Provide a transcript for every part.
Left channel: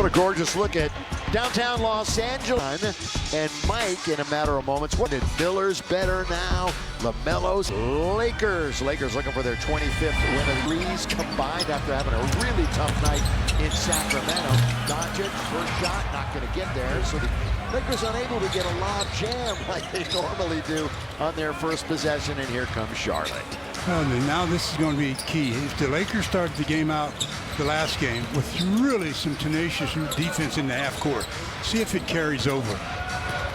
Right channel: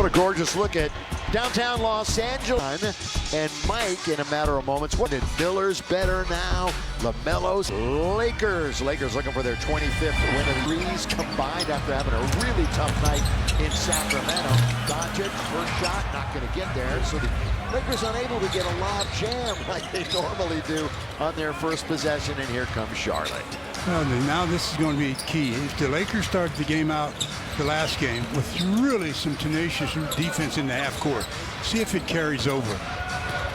What a gorgeous look at downtown Los Angeles. And Mike, in a matter of moments, what did Miller's better now? LaMelo's Lakers. Lakers looking for their 25th win of the threes combined after having a really tough night in Sacramento. Doncic, first shot, not going to get there. So the Lakers unable to get a lob jam like they normally do on their first possession. And here comes Charlotte. Well, now this is going to be key. If the Lakers started the game out, the last game, with really some tenacious defense in the half court, see if it carries over.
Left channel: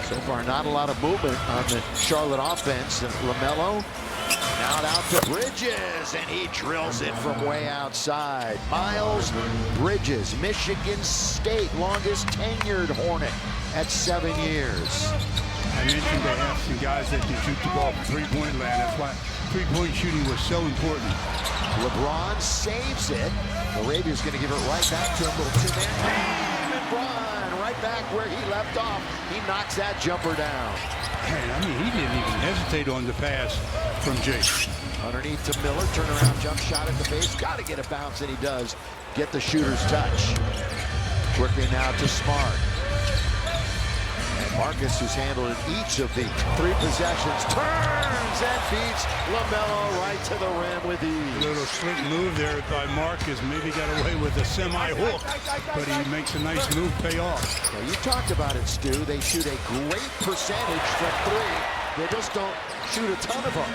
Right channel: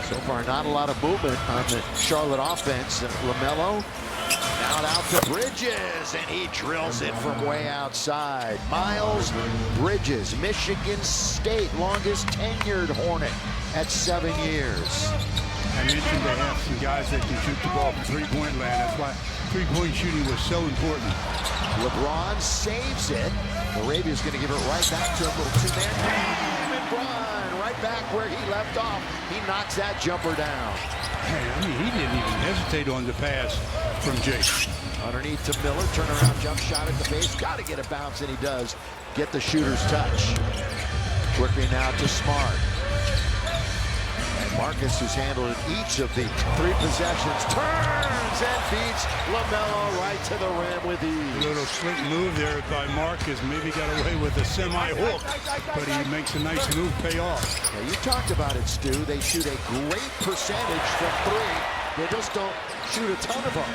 So far, not a lot of movement on the Charlotte offense. And LaMelo now out to Bridges, and he drills it from way outside. Miles Bridges, Michigan State, longest tenured Hornet at 7 years. I mentioned they have some guys that can shoot the ball from three-point land. That's why three-point shooting was so important. LeBron saves it. LaRavia's going to give it right back to him. Little two-man game, and Bron right back where he left off. He knocks that jumper down. Hey, I mean, he didn't even hesitate on the pass from Jake. Underneath to Miller, turnaround jump shot at the base. Got to get a bounce, and he does get the shooter's touch. Quickly now to Smart. And Marcus, who's handled each of the three possessions, turns and beats LaMelo right to the rim with ease. A little slick move there by Marcus. Maybe got away with a semi-hook, but he makes a nice move pay off. Yeah, you talked about it, Stu. They shoot a great percentage from three. They just don't shoot a ton of them.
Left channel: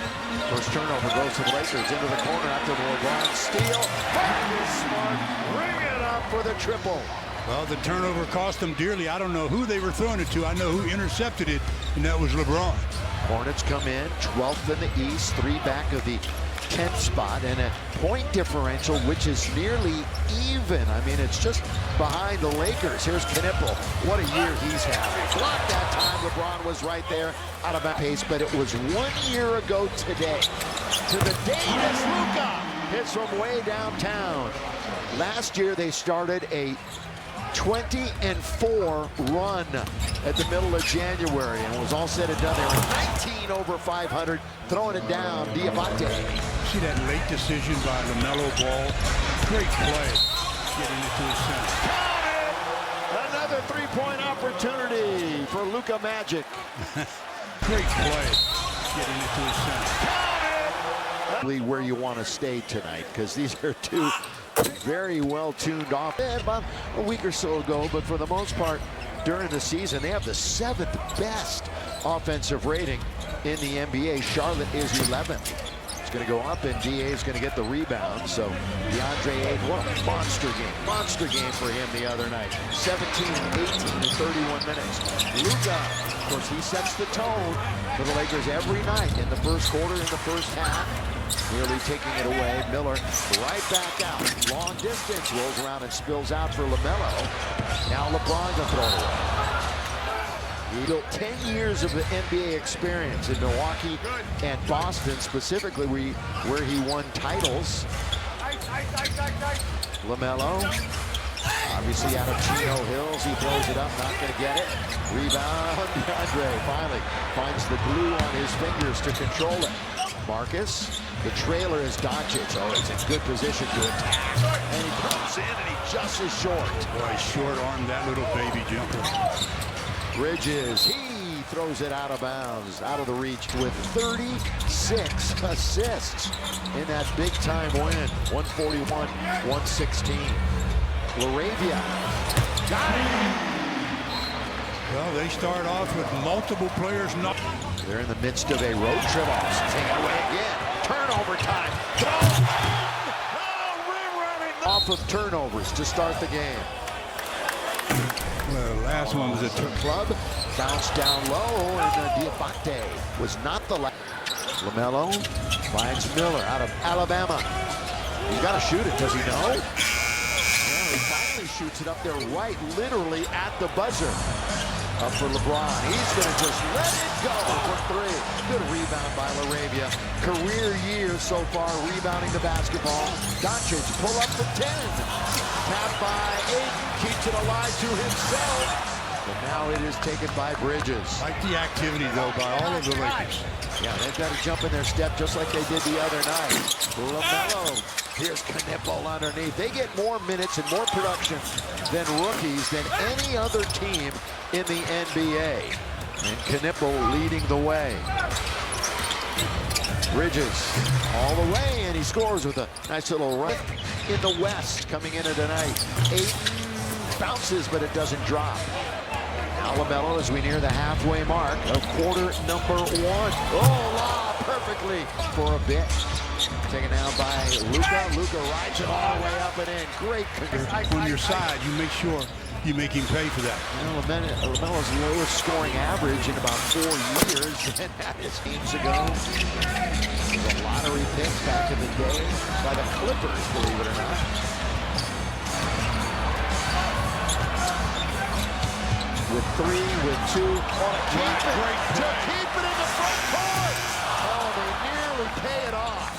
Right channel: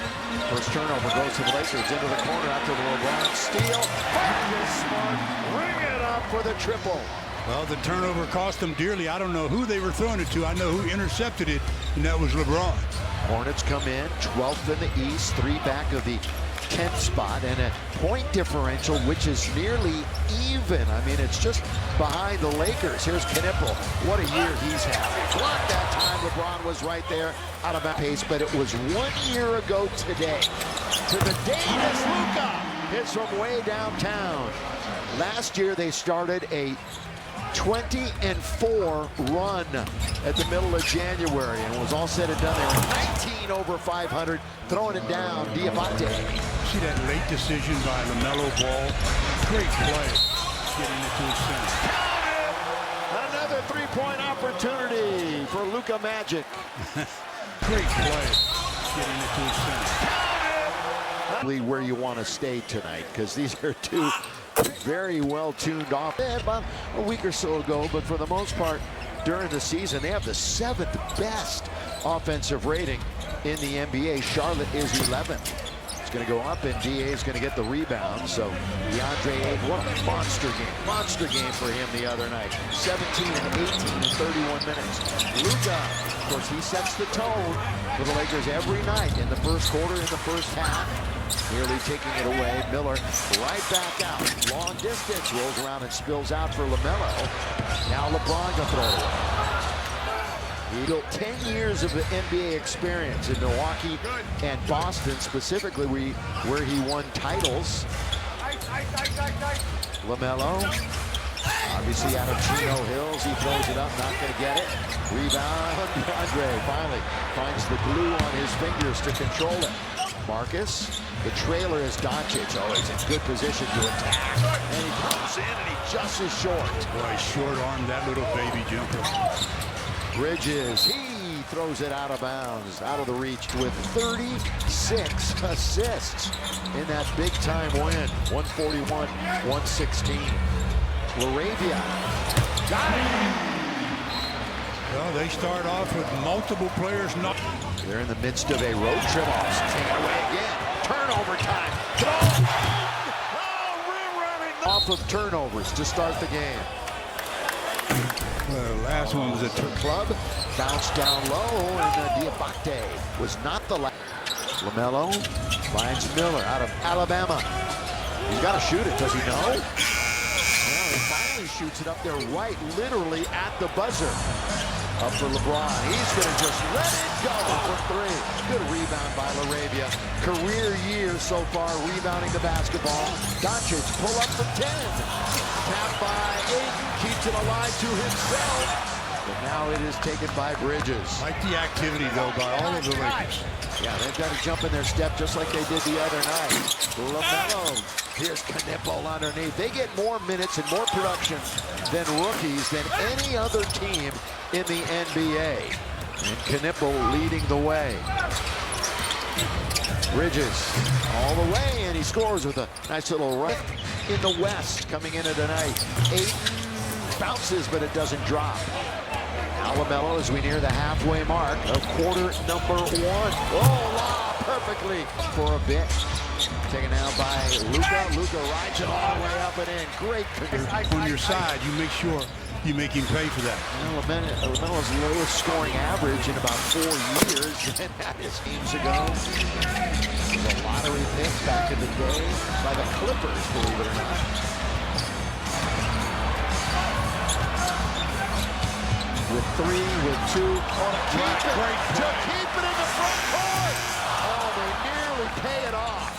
First turnover goes to the Lakers into the corner after the LeBron steal. Marcus Smart, ring it up for the triple. Well, the turnover cost them dearly. I don't know who they were throwing it to. I know who intercepted it, and that was LeBron. Hornets come in 12th in the East, 3 back of the 10th spot, and a point differential which is nearly even. I mean, it's just behind the Lakers. Here's Knipple. What a year he's having. Blocked that time. LeBron was right there out of pace, but it was 1 year ago today. To the Davis, Luka hits from way downtown. Last year they started a 20-4 run at the middle of January, and it was all said and done. They were 19 over 500, throwing it down. Diabate. See that late decision by LaMelo Ball? Great play, getting it to his center. Count it! Another three-point opportunity for Luka Magic. Great play, getting it to his center. Count it! Where you want to stay tonight, because these are two very well tuned off. About a week or so ago, but for the most part during the season, they have the 7th best offensive rating in the NBA. Charlotte is 11th. It's going to go up, and DA is going to get the rebound. So DeAndre Ayton, what a monster game for him the other night. 17 and 18 in 31 minutes. Luka, of course, he sets the tone for the Lakers every night in the first quarter, in the first half. Nearly taking it away. Miller right back out. Long distance, rolls around and spills out for LaMelo. Now LeBron gonna throw it away. He built 10 years of NBA experience in Milwaukee and Boston, specifically where he won titles. LaMelo, obviously out of Chino Hills, he throws it up, not gonna get it. Rebound, DeAndre finally finds the glue on his fingers to control it. Marcus, the trailer is Doncic. Oh, he's in good position to attack. And he comes in and he just is short. Boy, short arm that little baby jumper. Bridges, he throws it out of bounds, out of the reach with 36 assists in that big time win. 141-116. LaRavia, got it. Well, they start off with multiple players not. They're in the midst of a road trip. Taking it away again. Turnover time. Throw. Oh, rim-running. Off of turnovers to start the game. Well, the last one was a club. Bounced down low, and Diabate was not the last. LaMelo finds Miller out of Alabama. He's got to shoot it. Does he know? Well, he finally shoots it up there right, literally at the buzzer. Up for LeBron. He's going to just let it go for 3. Good rebound by LaRavia. Career year so far rebounding the basketball. Doncic pull up for 10. Tapped by Ayton. Keeps it alive to himself. But now it is taken by Bridges. Like the activity, though, by all of the Lakers. Yeah, they've got to jump in their step just like they did the other night. LaMelo. Here's Knipple underneath. They get more minutes and more production than rookies than any other team in the NBA. And Knipple leading the way. Bridges all the way, and he scores with a nice little run in the West coming into tonight. Ayton bounces, but it doesn't drop. Now LaMelo as we near the halfway mark of quarter number 1. Oh, lob perfectly for a bit. Taken out by Luka. Luka rides it all the way up and in. Great. On your side, you make sure you make him pay for that. Well, LaMelo's lowest scoring average in about 4 years, and that is games ago. It was a lottery pick back in the day by the Clippers, believe it or not. With 3, with 2, oh, to keep it in the front court. Oh, they nearly pay it off.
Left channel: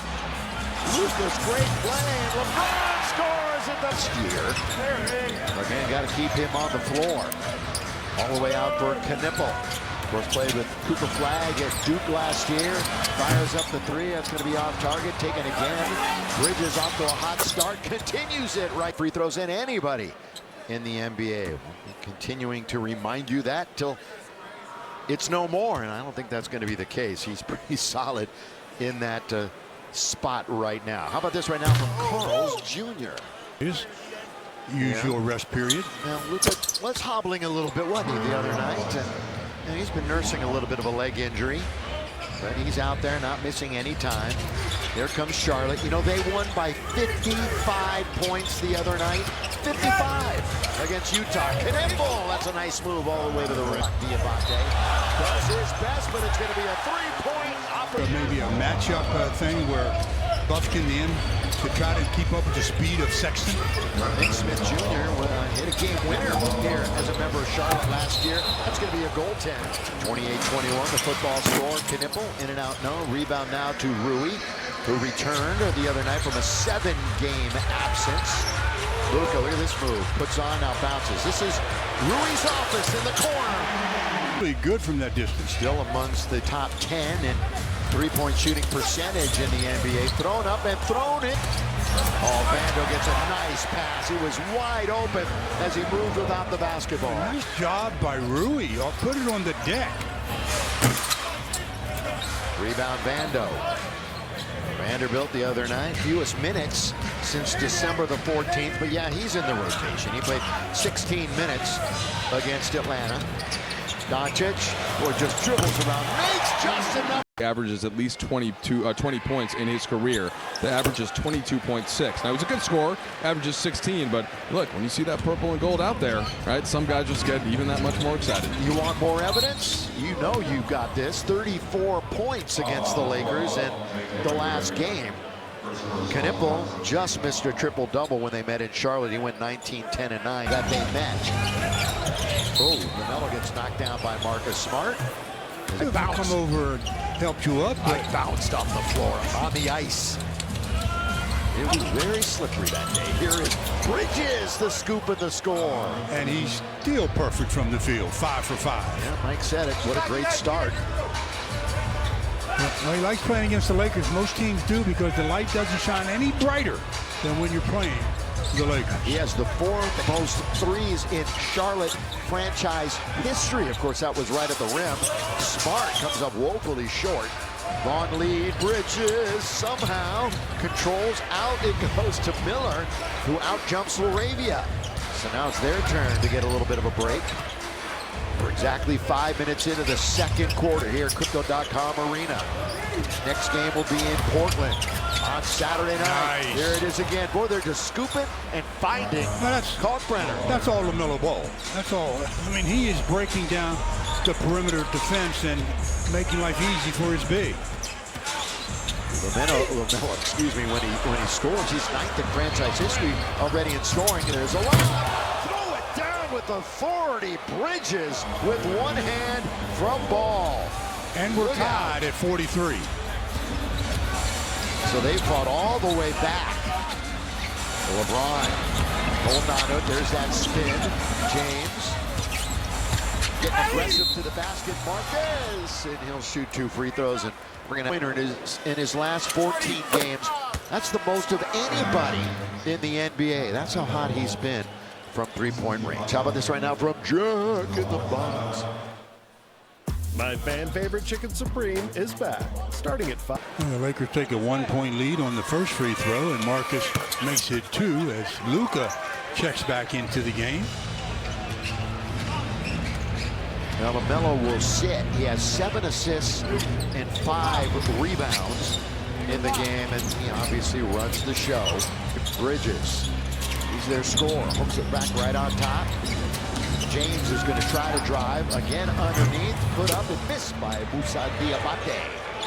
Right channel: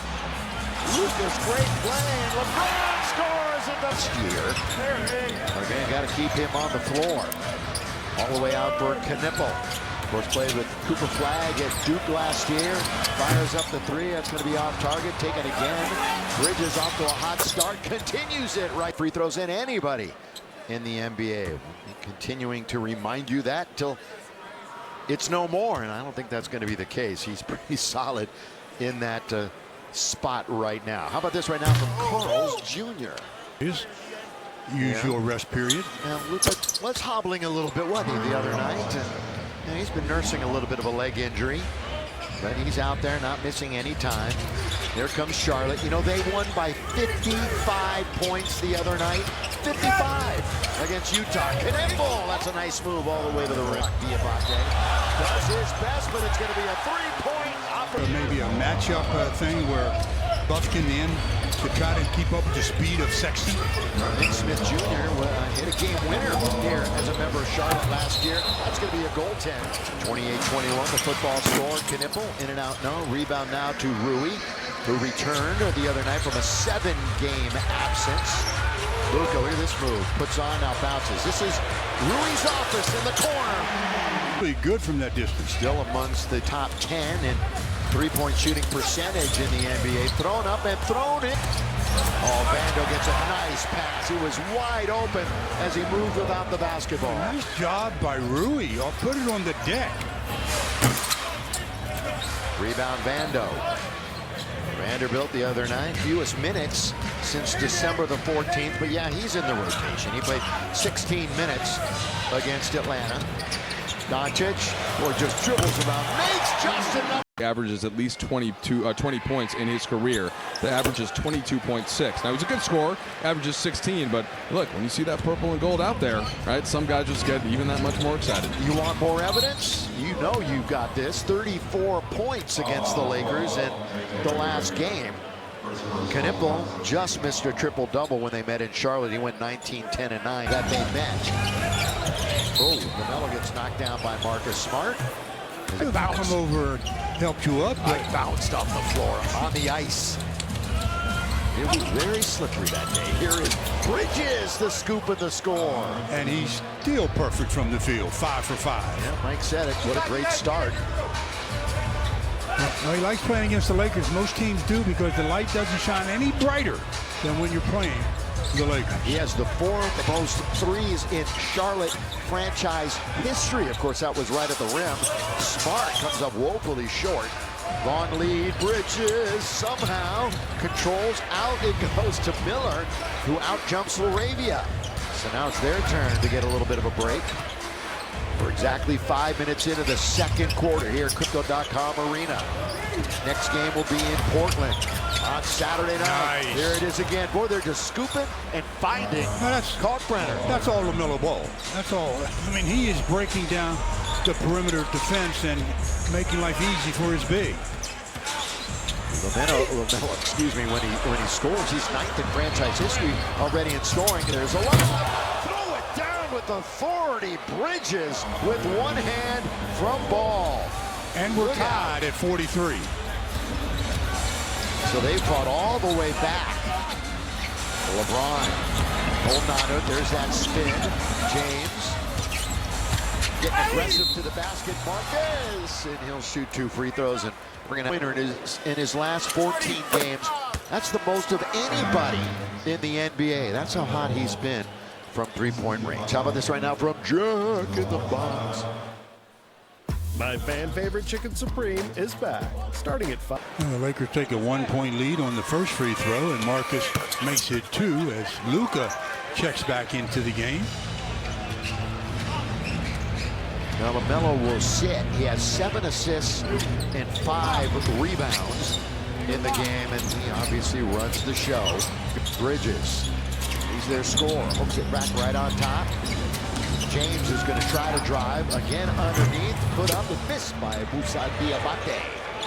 Luka's great play, and LeBron scores at the year. Again, got to keep him on the floor. All the way out for Knipple. Of course, played with Cooper Flagg at Duke last year. Fires up the 3. That's going to be off target. Taken again. Bridges off to a hot start. Continues it right. Free throws in anybody in the NBA. We'll be continuing to remind you that till it's no more, and I don't think that's going to be the case. He's pretty solid in that spot right now. How about this right now from Carl's Jr.? His usual rest period. Now Luka was hobbling a little bit, wasn't he, the other night? And he's been nursing a little bit of a leg injury, but he's out there not missing any time. There comes Charlotte. You know, they won by 55 points the other night. 55 against Utah. Knipple, that's a nice move all the way to the rim. Diabate does his best, but it's going to be a 3-point opportunity. Maybe a matchup thing where Buffkin in to try to keep up with the speed of Sexton. Nick Smith Jr. Hit a game winner here as a member of Charlotte last year. That's going to be a goaltend. 28-21, the football score. Knipple in and out, no. Rebound now to Rui, who returned the other night from a 7-game absence. Luka, look at this move. Puts on, now bounces. This is Rui's office in the corner. Really good from that distance. Still amongst the top 10 in three-point shooting percentage in the NBA. Thrown up and thrown it. Oh, Vando gets a nice pass. He was wide open as he moved without the basketball. A nice job by Rui. I'll put it on the deck. Rebound Vando. Vanderbilt the other night, fewest minutes since December the 14th, but yeah, he's in the rotation. He played 16 minutes against Atlanta. Doncic, boy, just dribbles around, makes just enough. Averages at least 20 points in his career. The average is 22.6. Now, he's a good scorer, averages 16, but look, when you see that purple and gold out there, right, some guys just get even that much more excited. You want more evidence? You know you've got this. 34 points against the Lakers in the last game. Knipple just missed a triple-double when they met in Charlotte. He went 19, 10, and 9 that they met. Oh, LaMelo gets knocked down by Marcus Smart. Come over and helped you up. I bounced off the floor on the ice. It was very slippery that day. Here is Bridges, the scoop and the score. And he's still perfect from the field, 5 for 5. Yeah, Mike said it. What a great start. Well, he likes playing against the Lakers. Most teams do, because the light doesn't shine any brighter than when you're playing the Lakers. He has the 4th most threes in Charlotte franchise history. Of course, that was right at the rim. Smart comes up woefully short. Long lead, Bridges somehow controls out. It goes to Miller, who out-jumps Laravia. So now it's their turn to get a little bit of a break. We're exactly 5 minutes into the second quarter here at Crypto.com Arena. Next game will be in Portland on Saturday night. Nice. There it is again. Boy, they're just scooping and finding Kalkbrenner. That's all LaMelo Ball. That's all. I mean, he is breaking down the perimeter defense and making life easy for his big. LaMelo, excuse me, when he scores, he's 9th in franchise history already in scoring. There's a lob. Throw it down with authority. Bridges with one hand from Ball. And we're tied at 43. So they fought all the way back. LeBron holding on to it. There's that spin. James. getting aggressive to the basket. Marquez, and he'll shoot 2 free throws and bring an winner in his last 14 games. That's the most of anybody in the NBA. That's how hot he's been from 3-point range. How about this right now from Jack in the Box? My fan favorite Chicken Supreme is back, starting at 5. The Lakers take a 1-point lead on the first free throw, and Marcus makes it 2 as Luka checks back into the game. Now LaMelo will sit. He has 7 assists and 5 rebounds in the game, and he obviously runs the show. Bridges, he's their scorer, hooks it back right on top. James is going to try to drive again underneath, put up and missed by Moussa Diabate.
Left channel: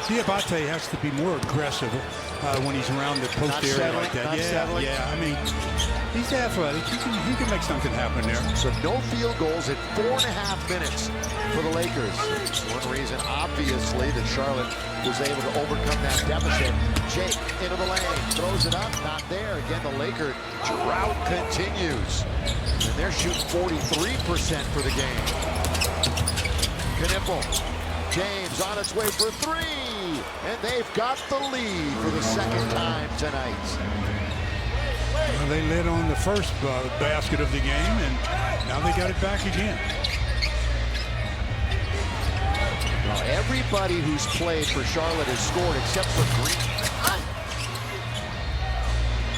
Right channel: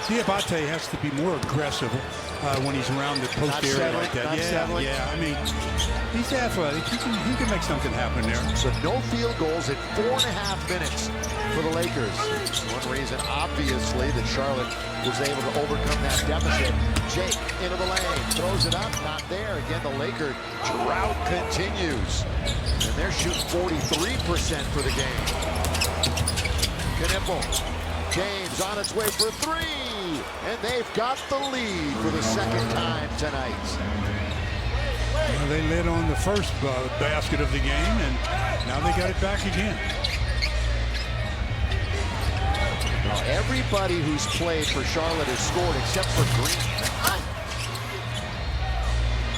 Diabate has to be more aggressive when he's around the post area like that. Yeah. I mean, he's athletic. He can make something happen there. So no field goals in 4.5 minutes for the Lakers. It's one reason, obviously, that Charlotte was able to overcome that deficit. Jake into the lane, throws it up, not there. Again, the Laker drought continues. And they're shooting 43% for the game. Knipple. James on its way for 3. And they've got the lead for the second time tonight. Well, they led on the first basket of the game, and now they got it back again. Well, everybody who's played for Charlotte has scored except for Green.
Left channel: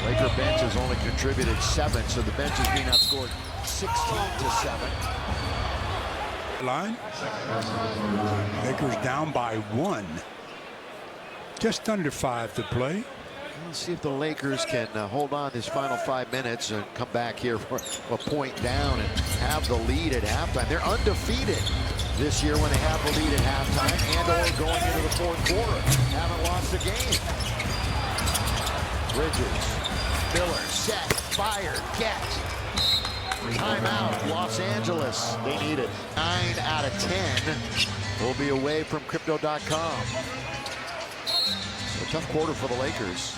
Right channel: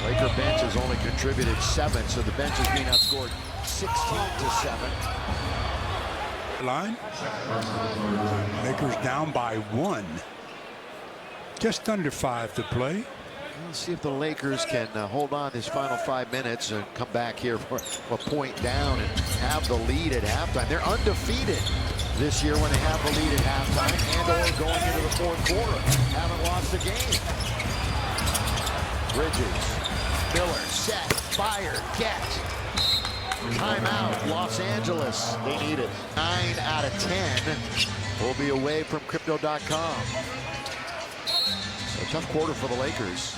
Laker bench has only contributed 7, so the bench is being outscored 16-7. Line. Lakers down by 1. Just under 5 to play. We'll see if the Lakers can hold on this final 5 minutes and come back here for a point down and have the lead at halftime. They're undefeated this year when they have the lead at halftime and or going into the 4th quarter. Haven't lost a game. Bridges. Miller, set, fired, get. Timeout, Los Angeles. They need it. 9 out of 10 will be away from Crypto.com. So a tough quarter for the Lakers.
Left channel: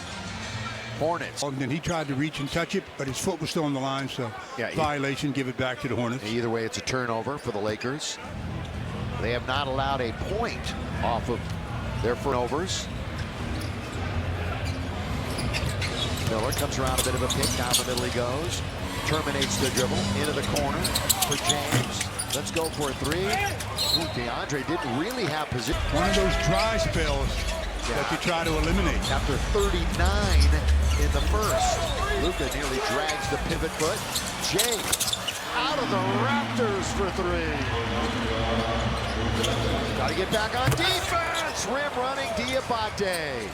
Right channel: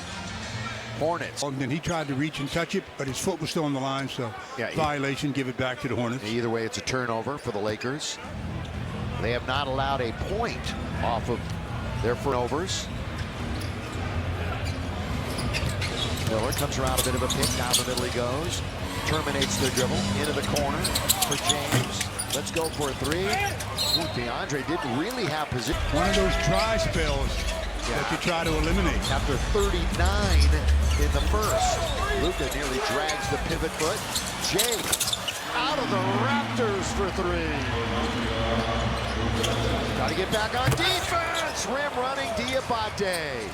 Hornets. And then he tried to reach and touch it, but his foot was still on the line, so violation, give it back to the Hornets. Either way, it's a turnover for the Lakers. They have not allowed a point off of their turnovers. Miller comes around a bit of a pick. Down the middle he goes. Terminates the dribble. Into the corner for James. Let's go for a 3. Ooh, DeAndre didn't really have position. One of those dry spells that you try to eliminate. After 39 in the first. Luka nearly drags the pivot foot. Jake out of the Raptors for 3. Got to get back on defense. Rim running Diabate.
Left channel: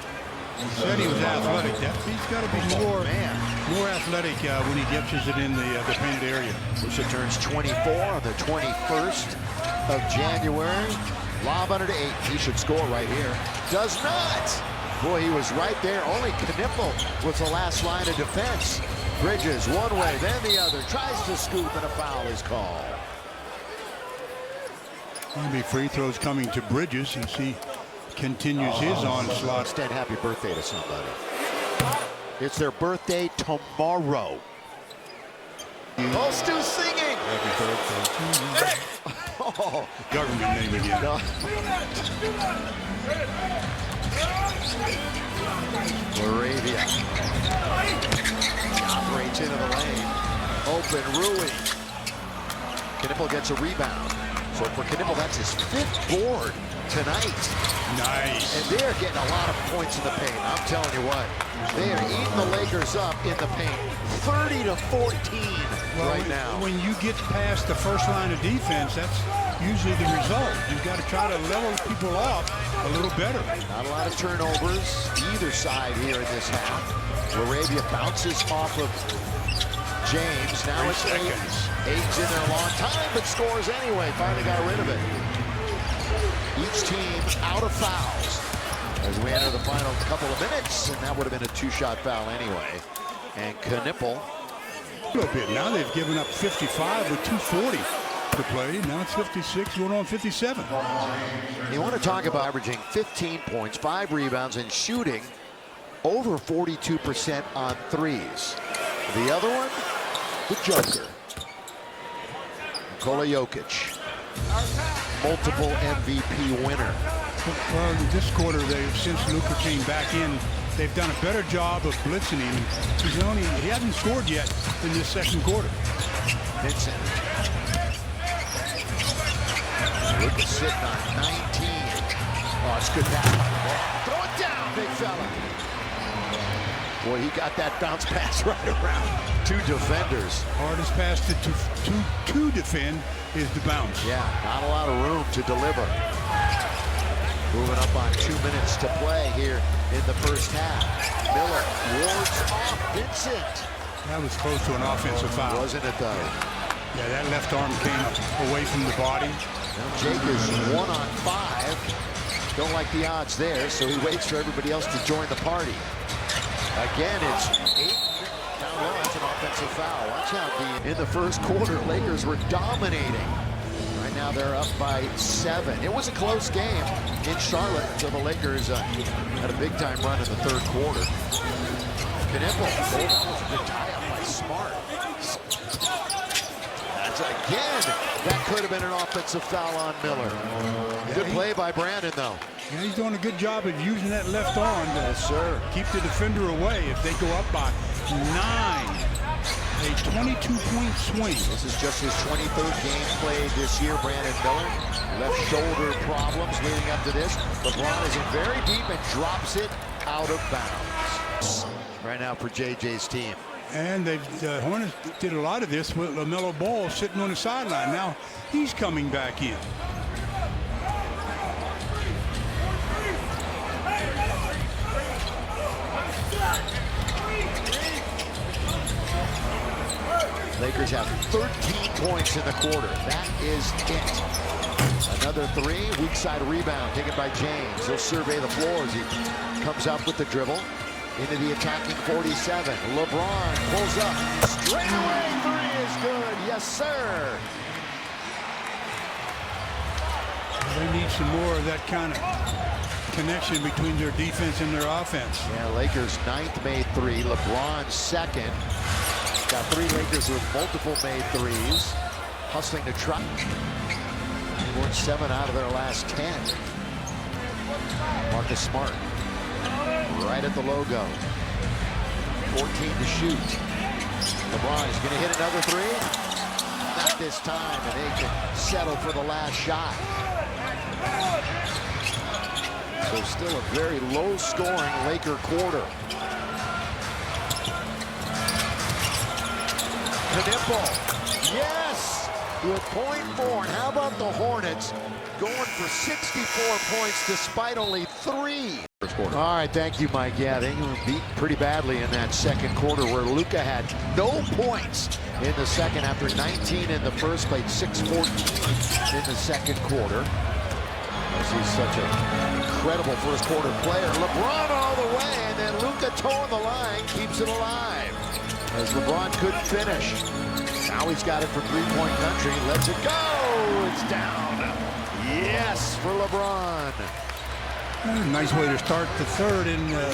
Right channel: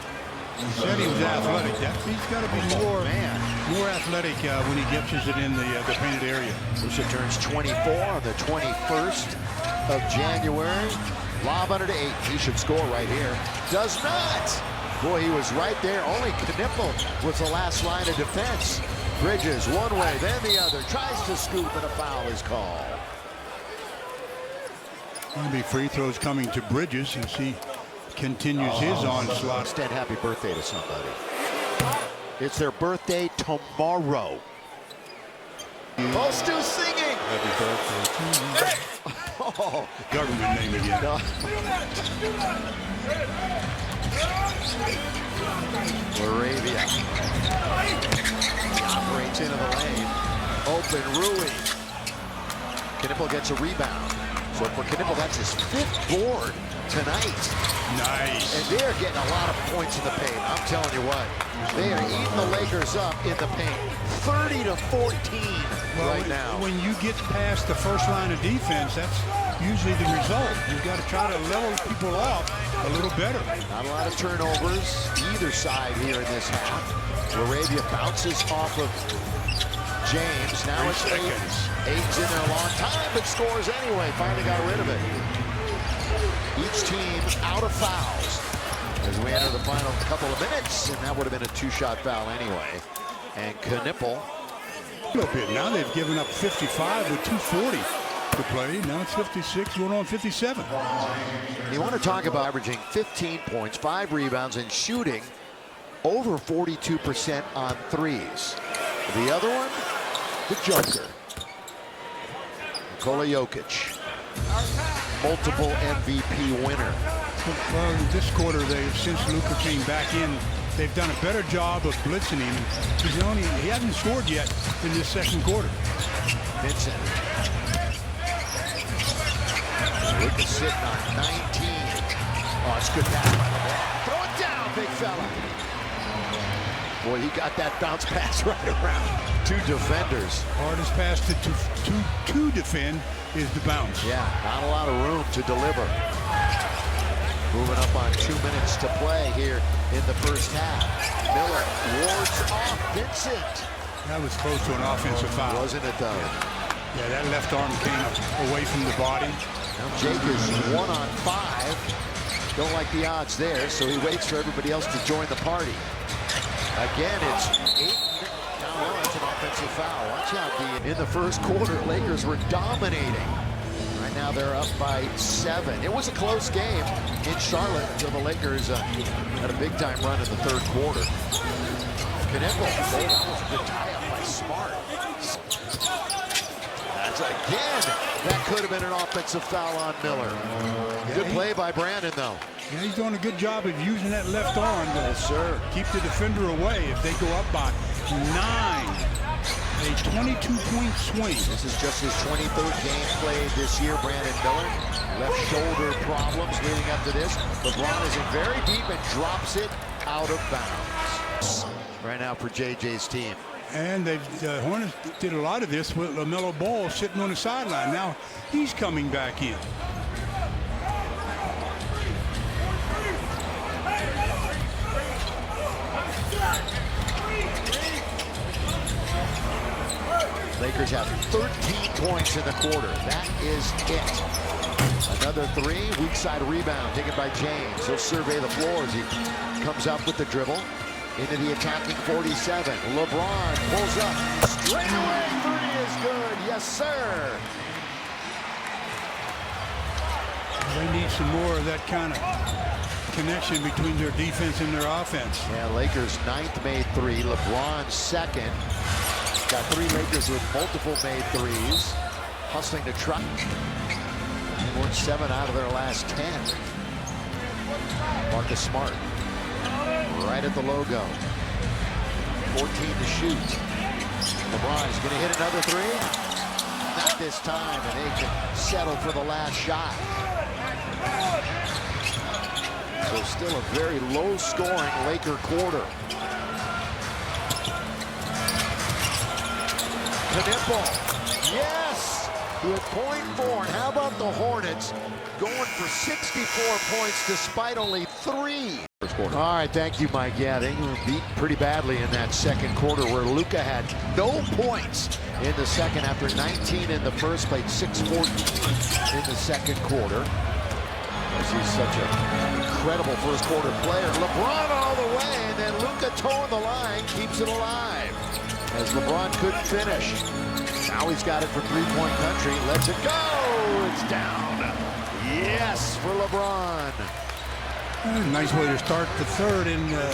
He said he was athletic. He's got to be more athletic when he gets it in the painted area. Musa turns 24 on the 21st of January. Lob under to 8. He should score right here. Does not. Boy, he was right there. Only Knipple was the last line of defense. Bridges one way, then the other. Tries to scoop, and a foul is called. There'll be free throws coming to Bridges as he continues his onslaught. Instead, happy birthday to somebody. It's their birthday tomorrow. Oh, Stu's singing. Happy birthday to you. Oh, government name again. No. Laravia. He operates into the lane. Open Rui. Knipple gets a rebound. So for Knipple, that's his 5th board tonight. Nice. And they're getting a lot of points in the paint. I'm telling you what, they are eating the Lakers up in the paint. 30-14 right now. When you get past the first line of defense, that's usually the result. You've got to try to level people off a little better. Not a lot of turnovers either side here in this half. Laravia bounces off of James. Now it's 8. 8's in there a long time, but scores anyway. Finally got rid of it. Each team out of fouls as we enter the final couple of minutes, and that would have been a 2-shot foul anyway. And Knipple. A little bit. Now they've given up 55 with 2:40 to play. Now it's 56, going on 57. You want to talk about averaging 15 points, 5 rebounds, and shooting over 42% on threes. The other one, the Joker, Nikola Jokic. multiple MVP winner. Well, this quarter, since Luka came back in, they've done a better job of blitzing him. And he hasn't scored yet in this second quarter. Vincent. Luka sitting on 19. Oh, it's a good pass by LeBron. Throw it down, big fella. Boy, he got that bounce pass right around two defenders. Hardest pass to defend is the bounce. Yeah, not a lot of room to deliver. Moving up on 2 minutes to play here in the first half. Miller wards off Vincent. That was close to an offensive foul. Wasn't it, though? Yeah, that left arm came away from the body. Now Jake is 1 on 5. Don't like the odds there, so he waits for everybody else to join the party. Again, it's 8 down low. That's an offensive foul. Watch out, D. In the first quarter, Lakers were dominating. Right now they're up by 7. It was a close game in Charlotte until the Lakers had a big-time run in the third quarter. Knipple. Oh, that was a good tie-up by Smart. That's again. That could have been an offensive foul on Miller. Good play by Brandon, though. Yeah, he's doing a good job of using that left arm to keep the defender away if they go up by 9. A 22-point swing. This is just his 23rd game played this year, Brandon Miller. Left shoulder problems leading up to this. LeBron is in very deep and drops it out of bounds. Right now for JJ's team. And the Hornets did a lot of this with LaMelo Ball sitting on the sideline. Now he's coming back in. Lakers have 13 points in the quarter. That is it. Another 3, weak side rebound taken by James. He'll survey the floor as he comes up with the dribble into the attacking 47. LeBron pulls up. Straight away, 3 is good. Yes, sir. They need some more of that kind of connection between their defense and their offense. Yeah, Lakers 9th made 3. LeBron 2nd. Got 3 Lakers with multiple made 3s. Hustling to try. They won 7 out of their last 10. Marcus Smart. Right at the logo. 14 to shoot. LeBron is going to hit another 3. Not this time, and they can settle for the last shot. So still a very low-scoring Laker quarter. Knipple, yes, with .4. And how about the Hornets going for 64 points despite only 3? First quarter. All right, thank you, Mike. Yeah, they were beat pretty badly in that second quarter where Luka had no points in the second after 19 in the first, played 6-14 in the second quarter. He's such an incredible first quarter player. LeBron all the way, and then Luka towing the line keeps it alive. As LeBron couldn't finish. Now he's got it from three-point country. Lets it go. It's down. Yes, for LeBron. Nice way to start the third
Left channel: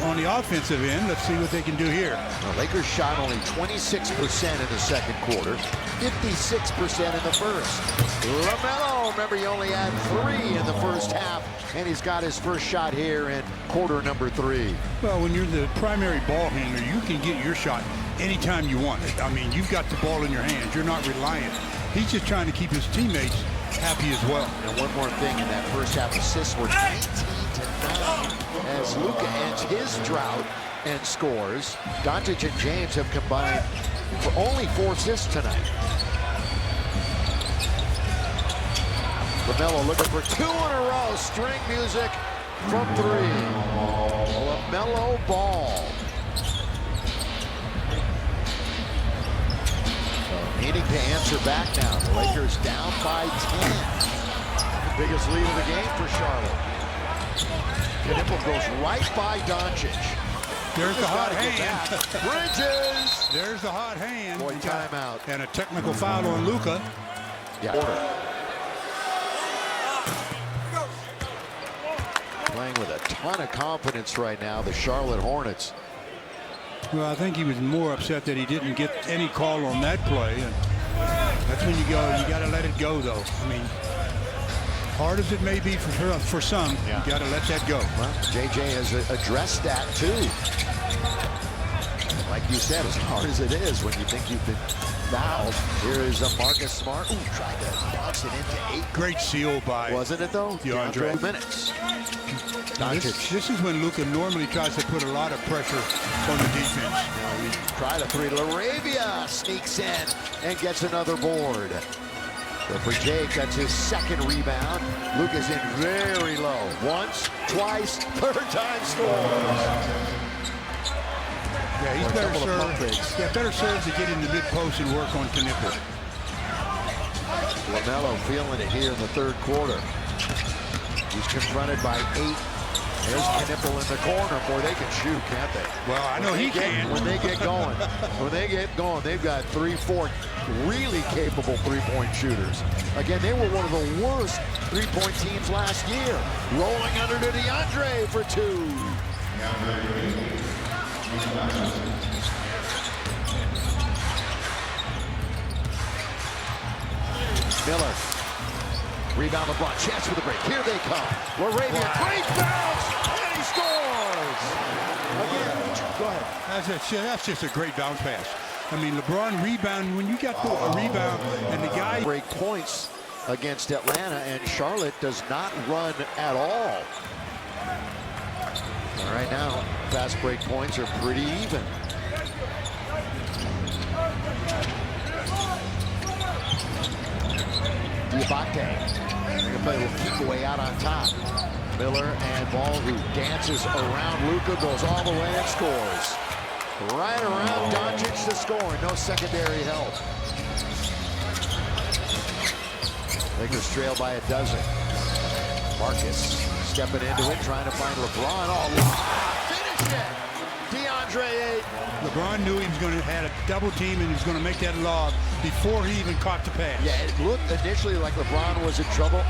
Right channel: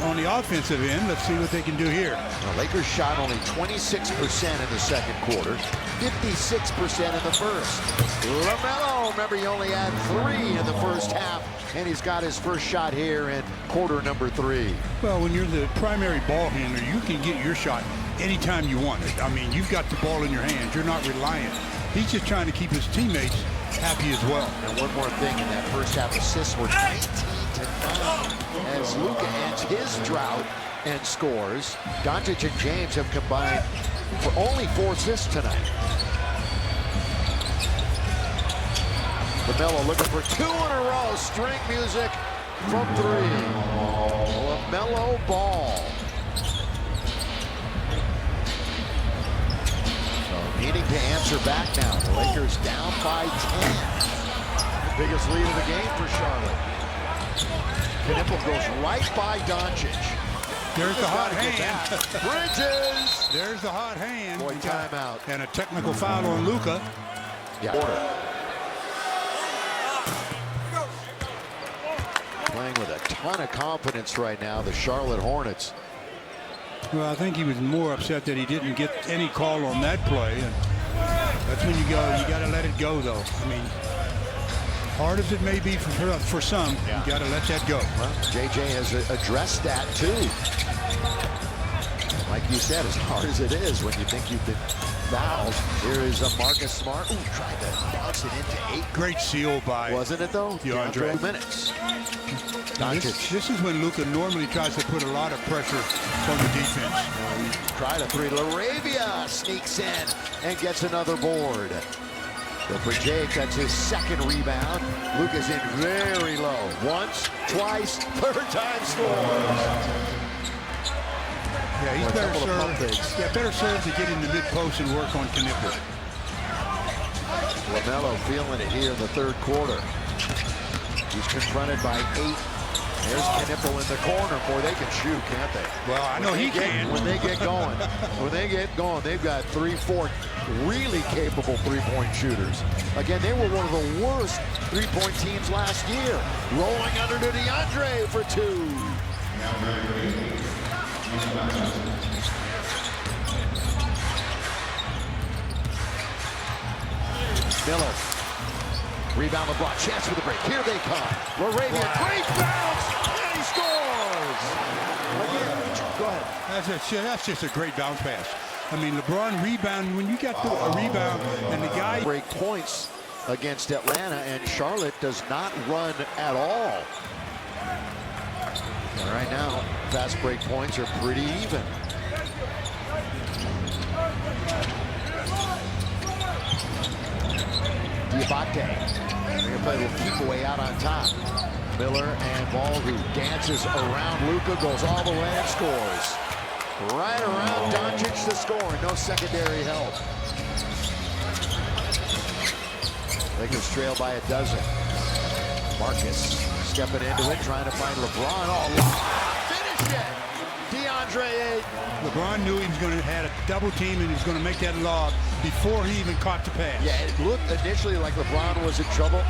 on the offensive end. Let's see what they can do here. The Lakers shot only 26% in the second quarter, 56% in the first. LaMelo, remember, he only had 3 in the first half, and he's got his first shot here in quarter number 3. Well, when you're the primary ball handler, you can get your shot anytime you want it. I mean, you've got the ball in your hands. You're not reliant. He's just trying to keep his teammates happy as well. And one more thing, in that first half, assists were 19-9 as Luka ends his drought and scores. Doncic and James have combined for only 4 assists tonight. LaMelo looking for 2 in a row. String music from 3. LaMelo Ball. So needing to answer back now. The Lakers down by 10. The biggest lead of the game for Charlotte. Knipple goes right by Doncic. There's the hot hand. Bridges. There's the hot hand. Boy, timeout. And a technical foul on Luka. Yeah. Order. Playing with a ton of confidence right now, the Charlotte Hornets. Well, I think he was more upset that he didn't get any call on that play. And that's when you go, you got to let it go, though. I mean, Hard as it may be for some, Yeah. you got to let that go. Well, JJ has addressed that too. Like you said, as hard as it is when you think you've been fouled. Here is a Marcus Smart. Ooh, tried to bounce it into 8. Great seal by. Wasn't it though? DeAndre. 2 minutes. This is when Luka normally tries to put a lot of pressure on the defense. Now he tried a 3. LaRavia sneaks in and gets another board. So for Jake, that's his 2nd rebound. Luka's in very low. Once, twice, 3rd time scores. Yeah, he's Or a better couple of pump served. fakes. Yeah, better served to get in the mid post and work on Knipper. LaMelo feeling it here in the 3rd quarter. He's confronted by 8. There's Knipple in the corner. Boy, they can shoot, can't they? Well, I know he can. When they get going, they've got 3, 4 really capable three-point shooters. Again, they were one of the worst three-point teams last year. Rolling under to DeAndre for 2. Miller. Rebound LeBron. Chance for the break. Here they come. LaRavia. Wow. Great bounce. And he scores. Again, go ahead. That's just a great bounce pass. I mean, LeBron rebound. When you got a rebound and the guy. Break points against Atlanta, and Charlotte does not run at all. And right now, fast break points are pretty even. Diabate. They're going to play a little keep away out on top. Miller and Ball, who dances around Luka, goes all the way and scores. Right around Doncic to score. No secondary help. Lakers trail by 12. Marcus stepping into it, trying to find LeBron. Oh, lob! Finish it! DeAndre Ayton. LeBron knew he was going to have a double team and he was going to make that lob before he even caught the pass. Yeah, it looked initially like LeBron was in trouble.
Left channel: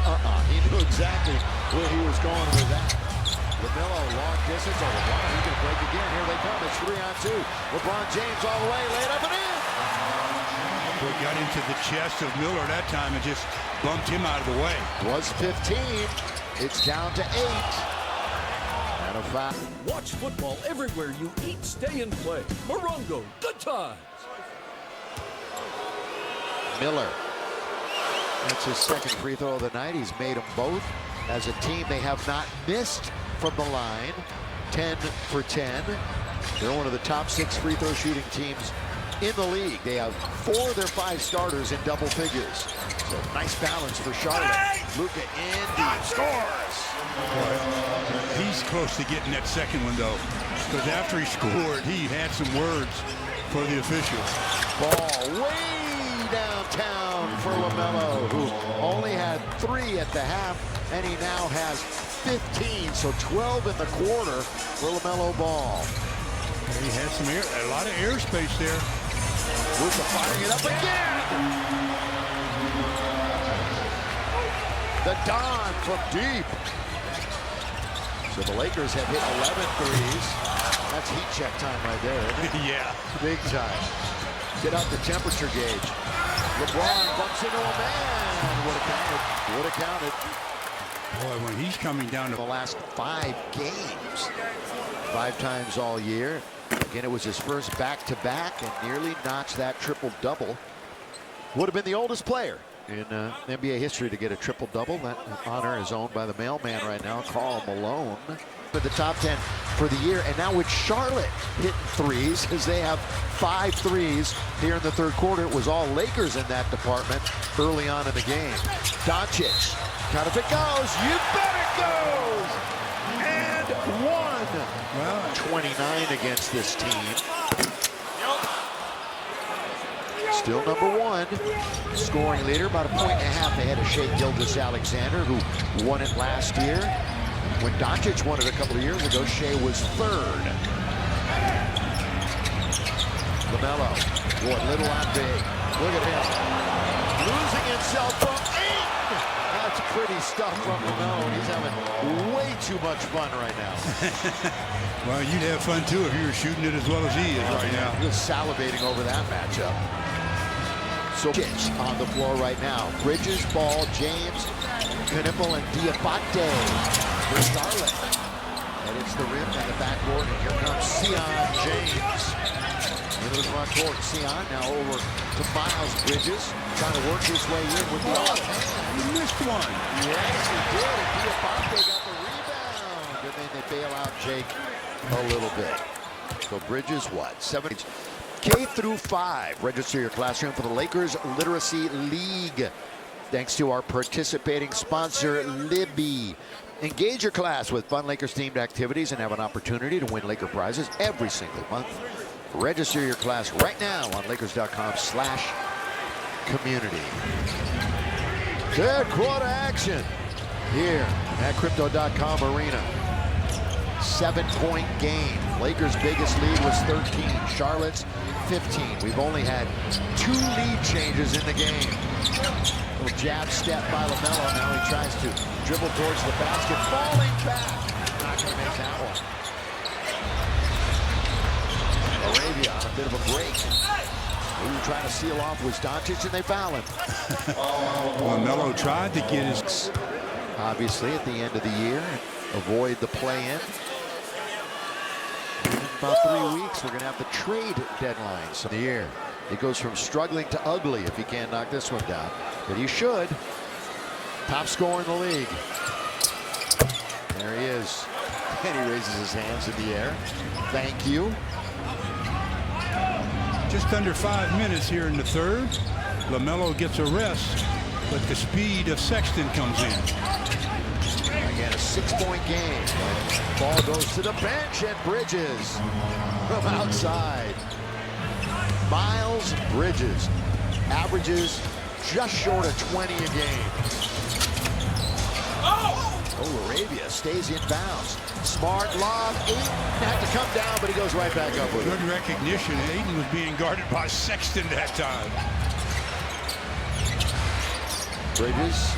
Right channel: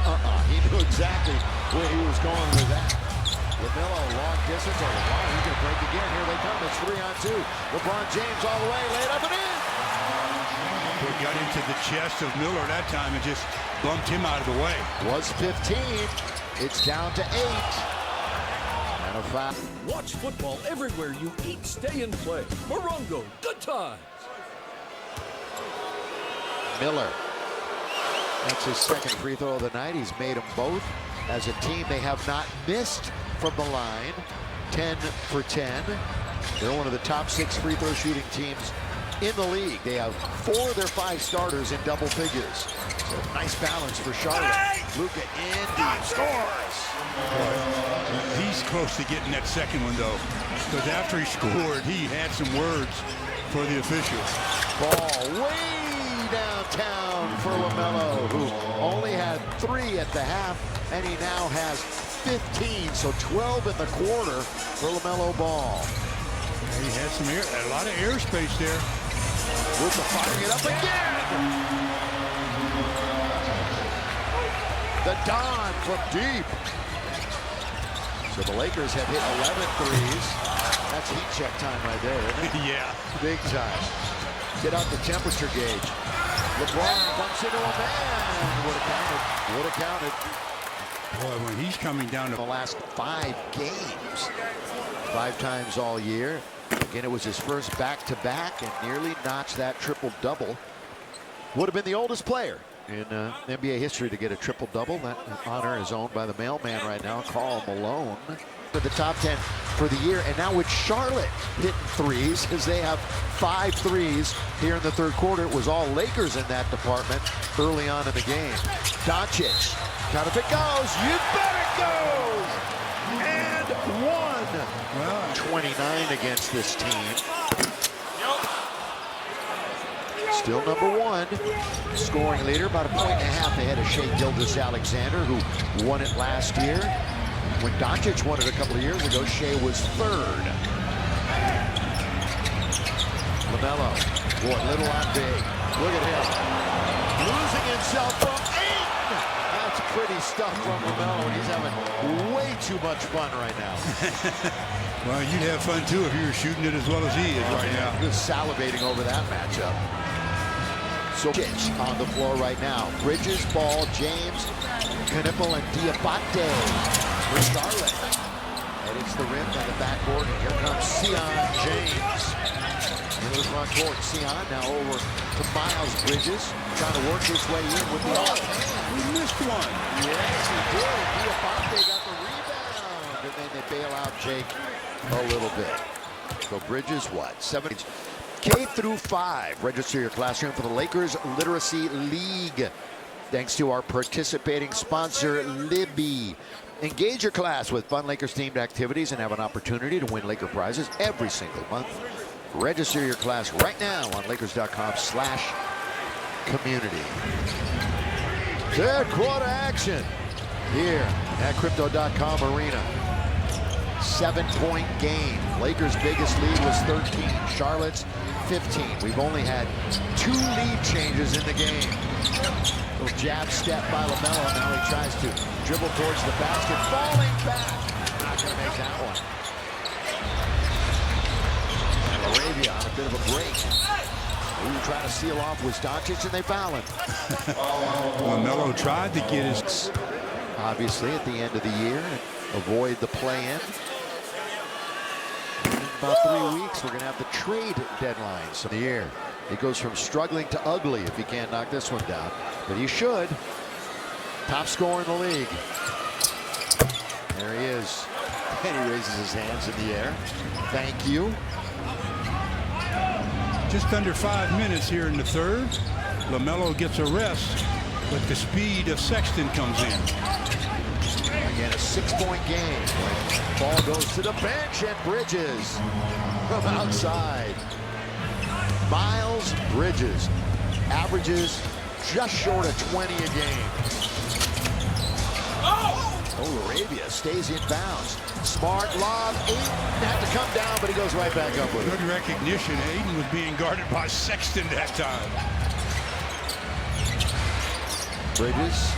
He knew exactly where he was going with that. LaMelo, long distance. Oh, LeBron, he's going to break again. Here they come. It's 3-on-2. LeBron James all the way, laid up and in. Boy, got into the chest of Miller that time and just bumped him out of the way. Was 15. It's down to 8. And a foul. Watch football everywhere you eat, stay, and play. Morongo, good times. Miller. That's his 2nd free throw of the night. He's made them both. As a team, they have not missed from the line. 10 for 10. They're one of the top 6 free throw shooting teams in the league. They have 4 of their 5 starters in double figures. So nice balance for Charlotte. Luka in deep, scores. Boy, he's close to getting that 2nd one, though, because after he scored, he had some words for the officials. Ball way downtown for LaMelo, who only had 3 at the half, and he now has 15, so 12 in the quarter for LaMelo Ball. Yeah, he had some air, a lot of airspace there. Luka firing it up again. The Don from deep. So the Lakers have hit 11 threes. That's heat check time right there, isn't it? Yeah. Big time. Get out the temperature gauge. LeBron bumps into a man. Would have counted. Would have counted. Boy, when he's coming down The to last 5 games. 5 times all year. Again, it was his first back-to-back and nearly notched that triple-double. Would have been the oldest player in NBA history to get a triple-double. That honor is owned by the mailman right now, Karl Malone. But the top 10 for the year, and now with Charlotte hitting threes, as they have 5 threes here in the 3rd quarter. It was all Lakers in that department early on in the game. Doncic, count if it goes, you bet it goes! And 1. well, 29 against this team. Still number 1, scoring leader, about 1.5 points ahead of Shai Gilgeous-Alexander, who won it last year. When Doncic won it a couple of years ago, Shai was 3rd. LaMelo, boy, little on big. Look at him. Losing himself from 8. That's pretty stuff from LaMelo, and he's having way too much fun right now. well, you'd have fun too if you were shooting it as well as he is right now. He was salivating over that matchup. So Doncic on the floor right now. Bridges, Ball, James, Knipple and Diabate for Charlotte. And it's the rim and the backboard, and here comes Sion James. Into the front court. Sion now over to Miles Bridges, trying to work his way in with the offhand. He missed one. Yes, he did. And Diabate got the rebound. And then they bail out Jake a little bit. So Bridges, what? 7 K through 5. Register your classroom for the Lakers Literacy League. Thanks to our participating sponsor, Libby. Engage your class with fun Lakers-themed activities and have an opportunity to win Laker prizes every single month. Register your class right now on Lakers.com/community. Third quarter action here at Crypto.com Arena. 7-point game. Lakers' biggest lead was 13. Charlotte's 15. We've only had 2 lead changes in the game. Little jab step by LaMelo. Now he tries to dribble towards the basket. Falling back. Not going to make that one. And Arabia on a bit of a break. Who trying to seal off was Doncic, and they foul him. LaMelo tried to get his... Obviously, at the end of the year, avoid the play-in. In about 3 weeks, we're going to have the trade deadlines of the year. He goes from struggling to ugly if he can't knock this one down. But he should. Top scorer in the league. There he is. And he raises his hands in the air. Thank you. Just under 5 minutes here in the third. LaMelo gets a rest, but the speed of Sexton comes in. Again, a 6-point game when ball goes to the bench, and Bridges from outside. Miles Bridges averages just short of 20 a game. Oh, Arabia stays in bounds. Smart lob. Ayton had to come down, but he goes right back up with it. Good recognition. Ayton was being guarded by Sexton that time. Bridges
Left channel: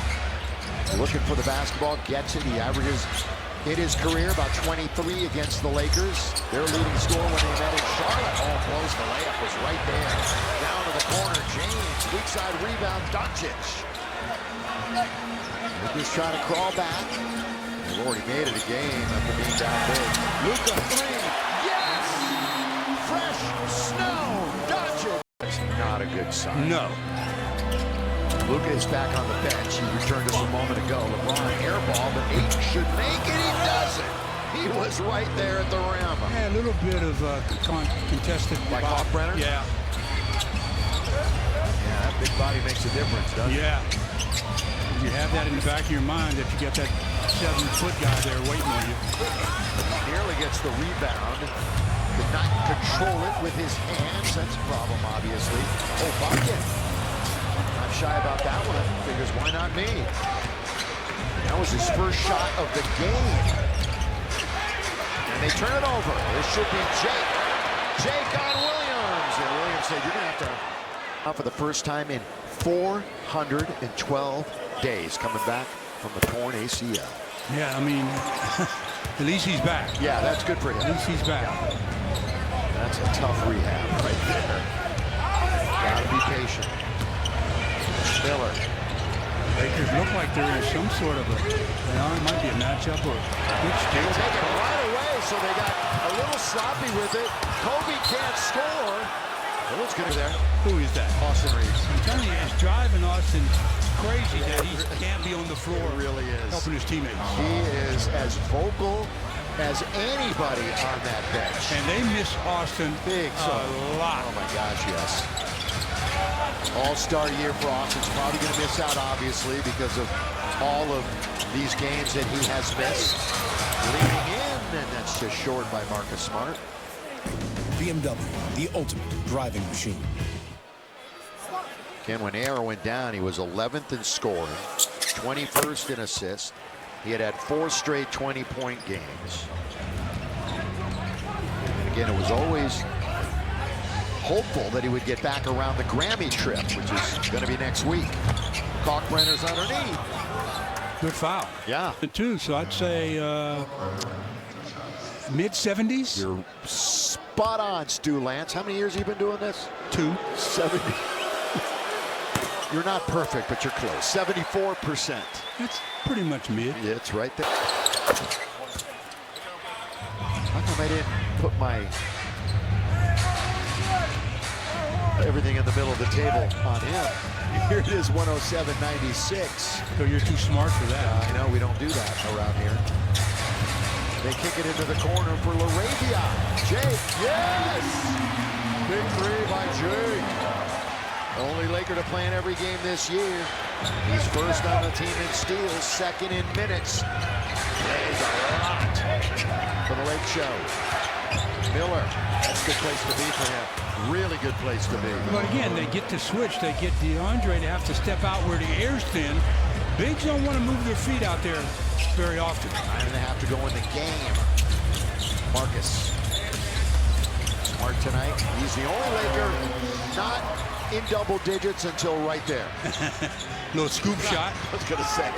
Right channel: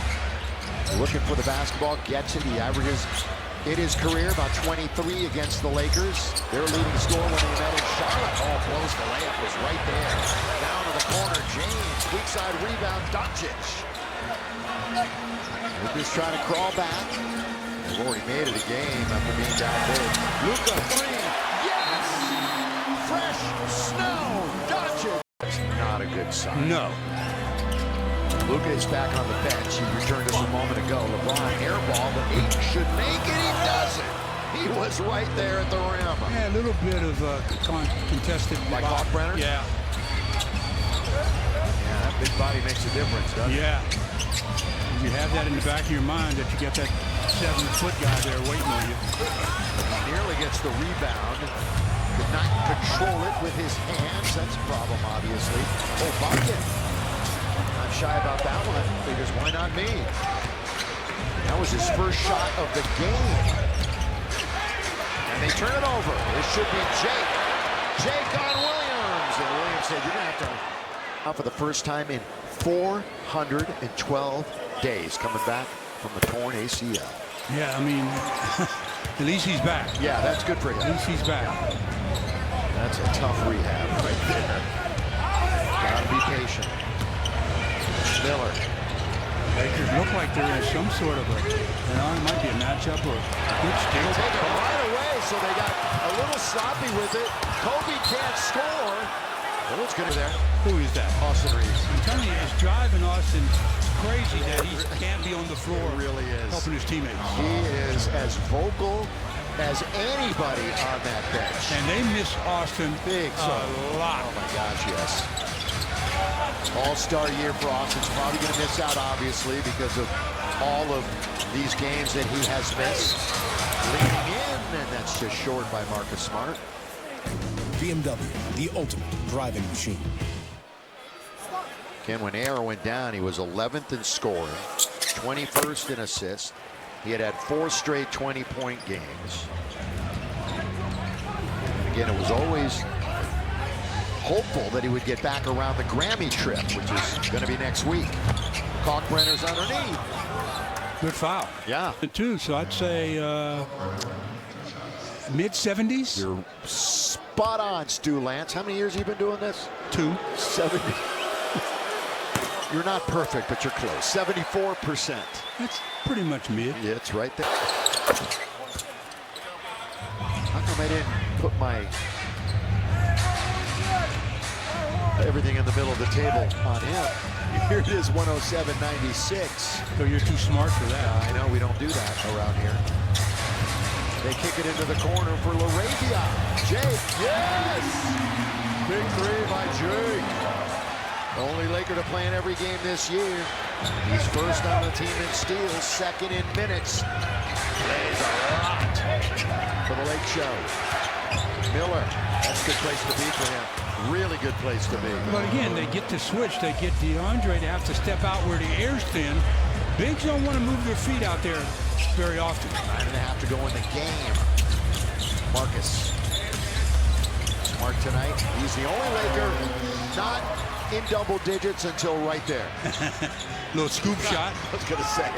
looking for the basketball, gets it. He averages in his career about 23 against the Lakers. Their leading scorer when they met in Charlotte. Oh, blows the layup, was right there. Down to the corner, James. Weak side rebound, Doncic. Lakers trying to crawl back. They've already made it a game after being down big. Luka 3, yes! Fresh snow, Doncic. That's not a good sign. No. Luka is back on the bench. He returned us a moment ago. LeBron airball, but Ayton should make it. He doesn't. He was right there at the rim. Yeah, a little bit of contested. Like Hawkbrenner? Yeah. Yeah, that big body makes a difference, doesn't it? Yeah. You have that in the back of your mind that you got that 7-foot guy there waiting on you. He nearly gets the rebound. Could not control it with his hands. That's a problem, obviously. Oh, bucket. Not shy about that one. Figures, why not me? That was his first shot of the game. And they turn it over. This should be Jake. Jake on Williams. And Williams said, you're going to have to... For the first time in 412 days, coming back from a torn ACL. Yeah, I mean, at least he's back. Yeah, that's good for him. At least he's back. Yeah. That's a tough rehab right there. Gotta be patient. Miller. Lakers look like they're in some sort of a, it might be a matchup or a good steal. They take it right away, so they got a little sloppy with it. Kobe can't score. It looks good there. Who is that? Austin Reeves. I'm telling you, it's driving Austin crazy that he can't be on the floor. It really is. Helping his teammates. He is as vocal as anybody on that bench. And they miss Austin big a lot. Oh my gosh, yes. All-star year for Austin's probably going to miss out, obviously, because of all of these games that he has missed. Leaning in, and that's just short by Marcus Smart. BMW, the ultimate driving machine. Again, when Arrow went down, he was 11th in scoring, 21st in assists. He had 4 straight 20-point games. And again, it was always hopeful that he would get back around the Grammy trip, which is going to be next week. Kalkbrenner's underneath. Good foul. Yeah. Two, so I'd say mid-70s. You're spot on, Stu Lance. How many years have you been doing this? 2. 70. You're not perfect, but you're close. 74%. That's pretty much mid. Yeah, it's right there. How come I didn't put my everything in the middle of the table on him? Here it is, 107-96. So you're too smart for that. I know, we don't do that around here. They kick it into the corner for LaRavia. Jake, yes! Big three by Jake. Only Laker to play in every game this year. He's first on the team in steals, second in minutes. Plays a lot for the Lake Show. Miller, that's a good place to be for him. Really good place to be. But again, they get to switch. They get DeAndre to have to step out where the air's thin. Bigs don't want to move their feet out there very often. 9.5 to go in the game. Marcus. Smart tonight. He's the only Laker not in double digits until right there. Little scoop shot. I was going to say.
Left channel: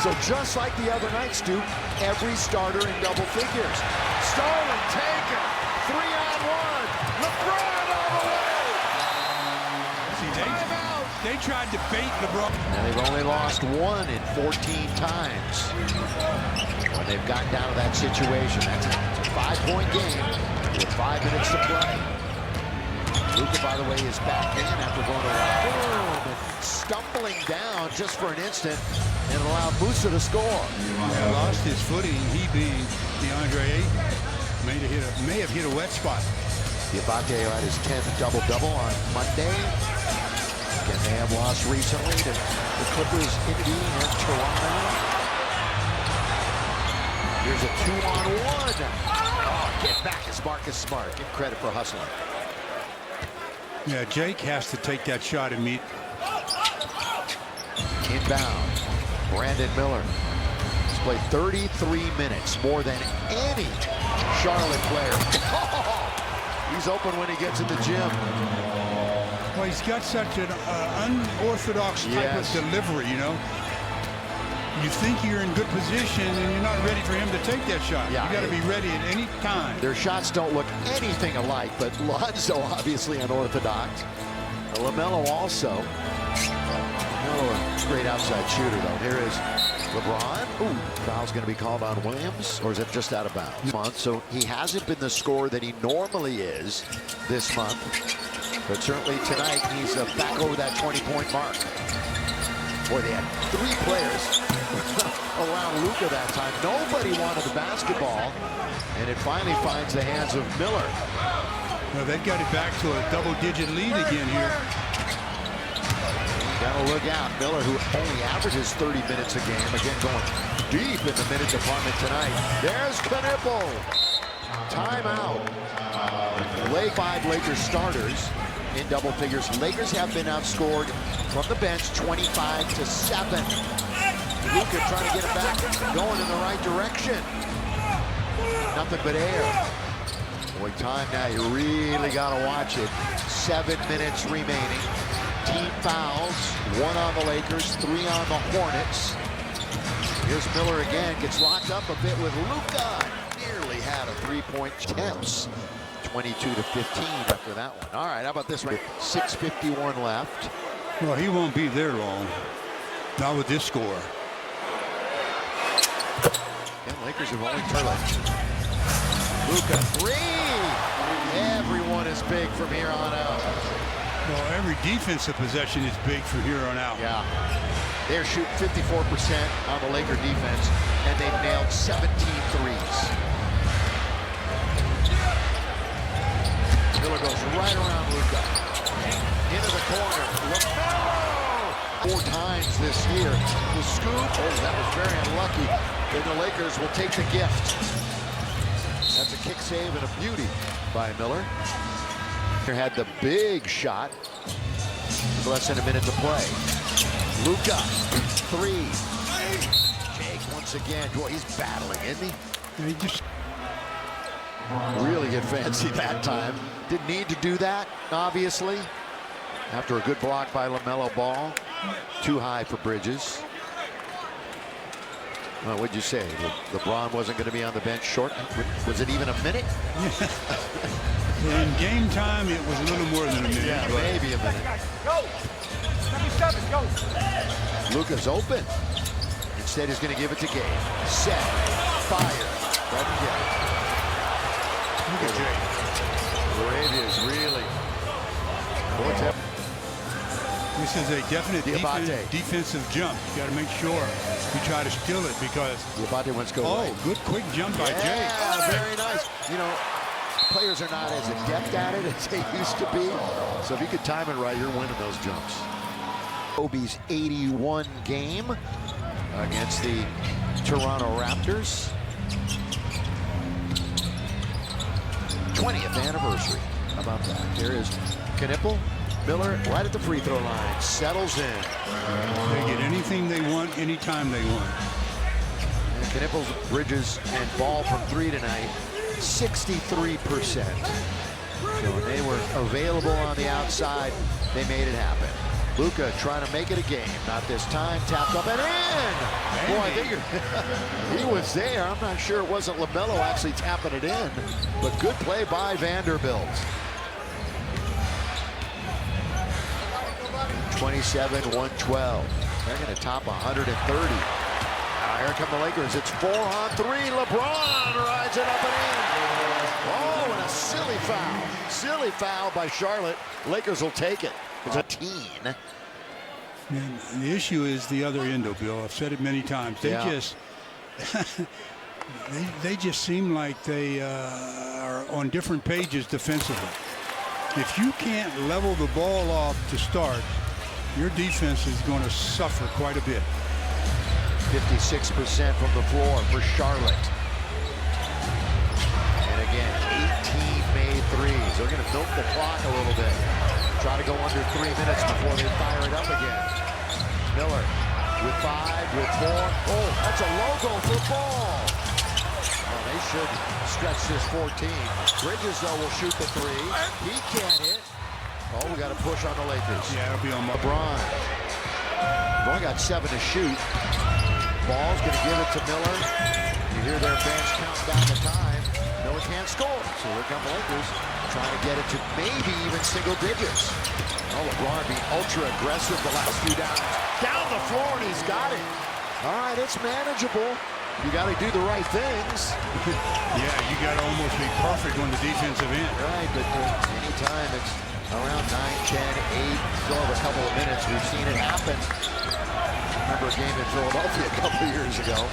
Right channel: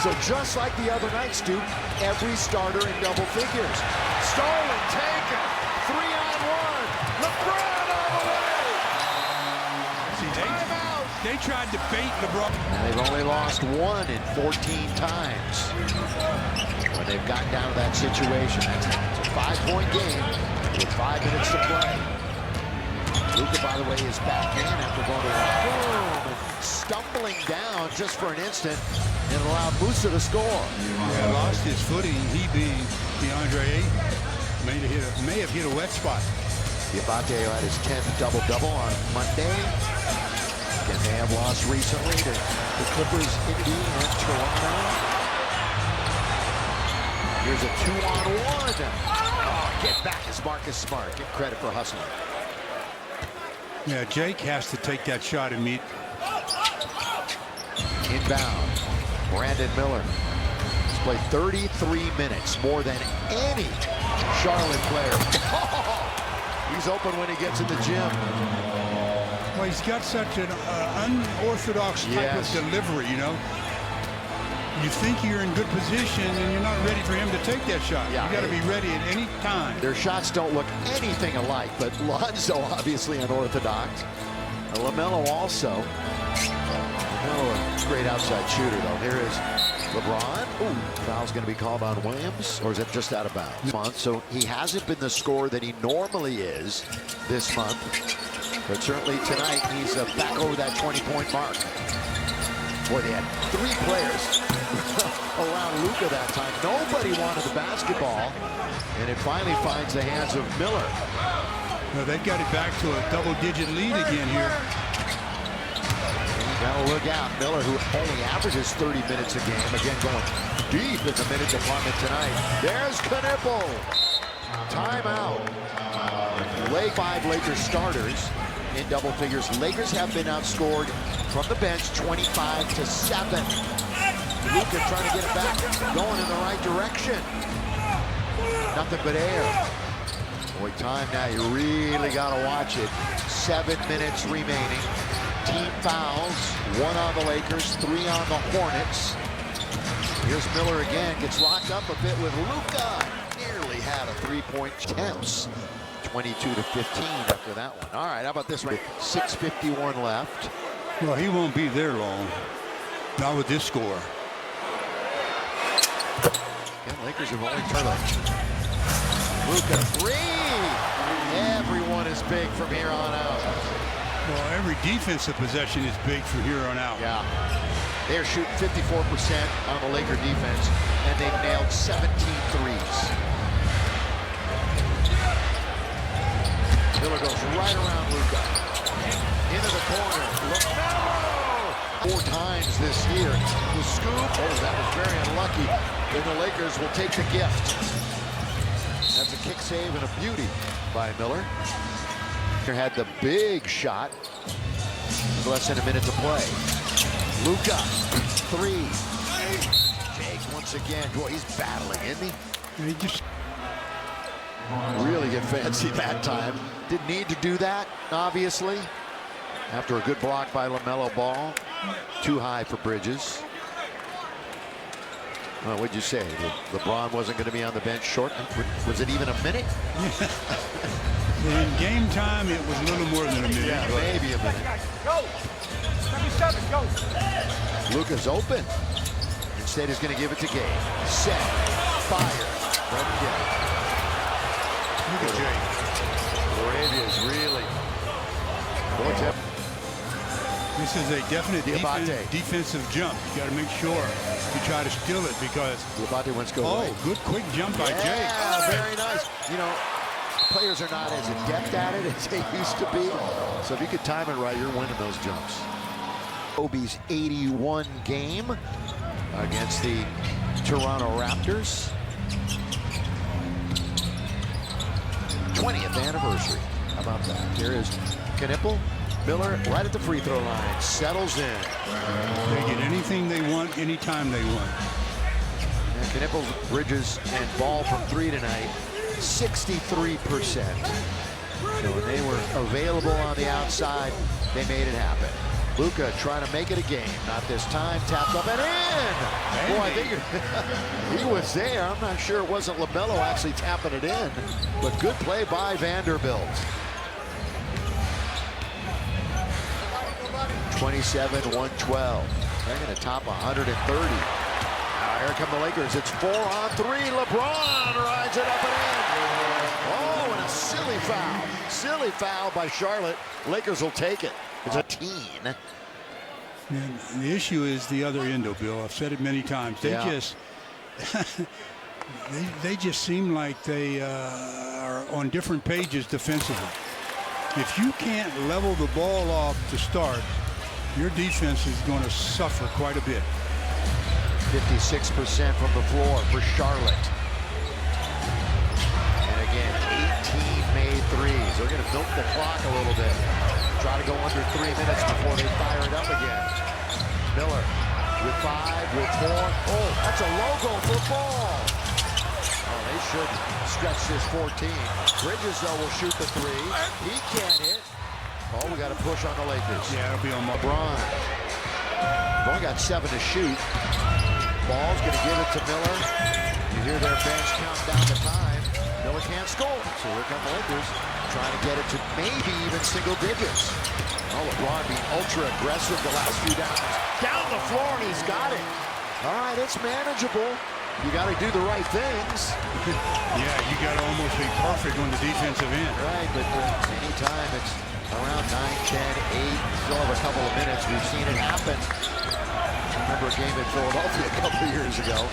So just like the other night, Stu, every starter in double figures. Stolen, taken, 3-on-1. LeBron all the way. See, Timeout. they tried to bait LeBron. And they've only lost 1 in 14 times when they've gotten down to that situation. It's a 5-point game with 5 minutes to play. Luka, by the way, is back in after going to the locker room and stumbling down just for an instant, and allowed Musa to score. Yeah, lost his footing. He being DeAndre Ayton may have hit a wet spot. Diabate had his 10th double-double on Monday. Again, they have lost recently to the Clippers, Indy, and Toronto. Here's a 2-on-1. Oh, get back is Marcus Smart. Give credit for hustling. Yeah, Jake has to take that shot and meet. Inbound, Brandon Miller. He's played 33 minutes, more than any Charlotte player. Oh, he's open when he gets in the gym. Well, he's got such an unorthodox type of delivery, you know. You think you're in good position and you're not ready for him to take that shot. Yeah, you got to be ready at any time. Their shots don't look anything alike, but Lonzo obviously unorthodox. LaMelo also. LaMelo, a great outside shooter, though. Here is LeBron. Ooh, foul's going to be called on Williams, or is it just out of bounds? So he hasn't been the scorer that he normally is this month, but certainly tonight he's back over that 20-point mark. Boy, they had 3 players around Luka that time. Nobody wanted the basketball, and it finally finds the hands of Miller. Well, they've got it back to a double-digit lead again here. You got to look out. Miller, who only averages 30 minutes a game, again going deep in the minute department tonight. There's Knipple. Timeout. 5 Lakers starters in double figures. Lakers have been outscored from the bench 25-7. Luka trying to get him back going in the right direction. Nothing but air. Boy, time now, you really got to watch it. 7 minutes remaining. Team fouls, 1 on the Lakers, 3 on the Hornets. Here's Miller again, gets locked up a bit with Luka. Nearly had a 3-point temps. 22-15 after that one. All right, how about this right? 6:51 left. Well, he won't be there long. Not with this score. Again, Lakers have only turned it. Luka, 3. Everyone is big from here on out. Well, every defensive possession is big from here on out. Yeah. They're shooting 54% on the Laker defense, and they've nailed 17 threes. Miller goes right around Luka. Into the corner. LaMelo! 4 times this year. The scoop. Oh, that was very unlucky. And the Lakers will take the gift. That's a kick save and a beauty by Miller. Had the big shot with less than a minute to play. Luka, 3. Jake once again. Boy, he's battling, isn't he? He just really get fancy that time. Didn't need to do that, obviously. After a good block by LaMelo Ball. Too high for Bridges. Well, what'd you say? LeBron wasn't going to be on the bench short? Was it even a minute? in game time, it was a little more than a minute. Yeah, maybe a minute. Go! 77. Luka's open. Instead, he's going to give it to Gabe. Set. Fire. Doesn't get it. Look at Jay. Arabia's really. This is a definite Diabate. defensive jump. You got to make sure you try to steal it because. Diabate wants to go Oh, right. good quick jump by Jay. Yeah, very nice. You know, players are not as adept at it as they used to be. So if you could time it right, you're winning those jumps. Kobe's 81 game against the Toronto Raptors. 20th anniversary. How about that? Here is Knipple. Miller right at the free throw line. Settles in. They get anything they want, anytime they want. And Knipple's Bridges and Ball from three tonight, 63%. So when they were available on the outside, they made it happen. Luka trying to make it a game. Not this time. Tapped up and in. Boy, I think he was there. I'm not sure it wasn't LaMelo actually tapping it in. But good play by Vanderbilt. 27-112. They're going to top 130. Now here come the Lakers. It's 4-on-3. LeBron rides it up and in. Oh, and a silly foul. Silly foul by Charlotte. Lakers will take it. It's a teen. And the issue is the other end, though, Bill. I've said it many times. They just they just seem like they are on different pages defensively. If you can't level the ball off to start, your defense is going to suffer quite a bit. 56% from the floor for Charlotte. And again, 18 made threes. They're going to milk the clock a little bit. Try to go under 3 minutes before they fire it up again. Miller with 5, with 4. Oh, that's a logo for Ball. Oh, they should stretch this 14. Bridges, though, will shoot the 3. He can't hit. Oh, we got to push on the Lakers. Yeah, it'll be on LeBron. LeBron got 7 to shoot. Ball's going to give it to Miller. You hear their bench count down the time. Miller can't score. So here come the Lakers trying to get it to maybe even single digits. Oh, LeBron being ultra aggressive the last few downs. Down the floor, and he's got it. All right, it's manageable. You got to do the right things. Yeah, you got to almost be perfect on the defensive end. Right, but anytime it's around 9, 10, 8, still have a couple of minutes. We've seen it happen. I remember a game in Philadelphia a couple of years ago.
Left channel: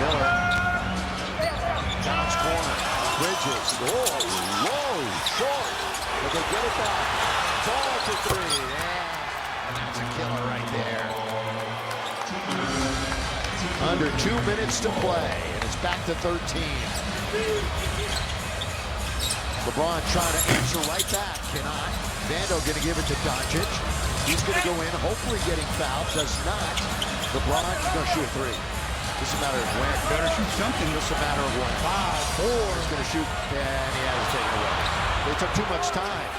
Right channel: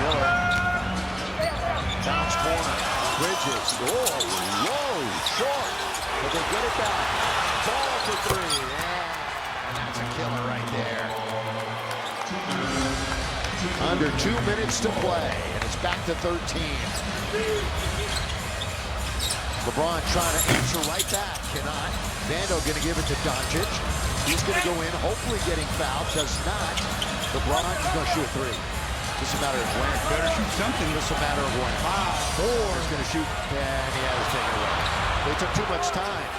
Miller. Bounce corner. Bridges. Oh, low, short. But they get it back. Ball for 3. Yeah, and that's a killer right there. Under 2 minutes to play, and it's back to 13. LeBron trying to answer right back. Cannot. Vando going to give it to Doncic. He's going to go in, hopefully getting fouled. Does not. LeBron is going to shoot a 3. Just a matter of when. Better shoot something. Just a matter of when. 5, 4. He's going to shoot, and he has it taken away. They took too much time.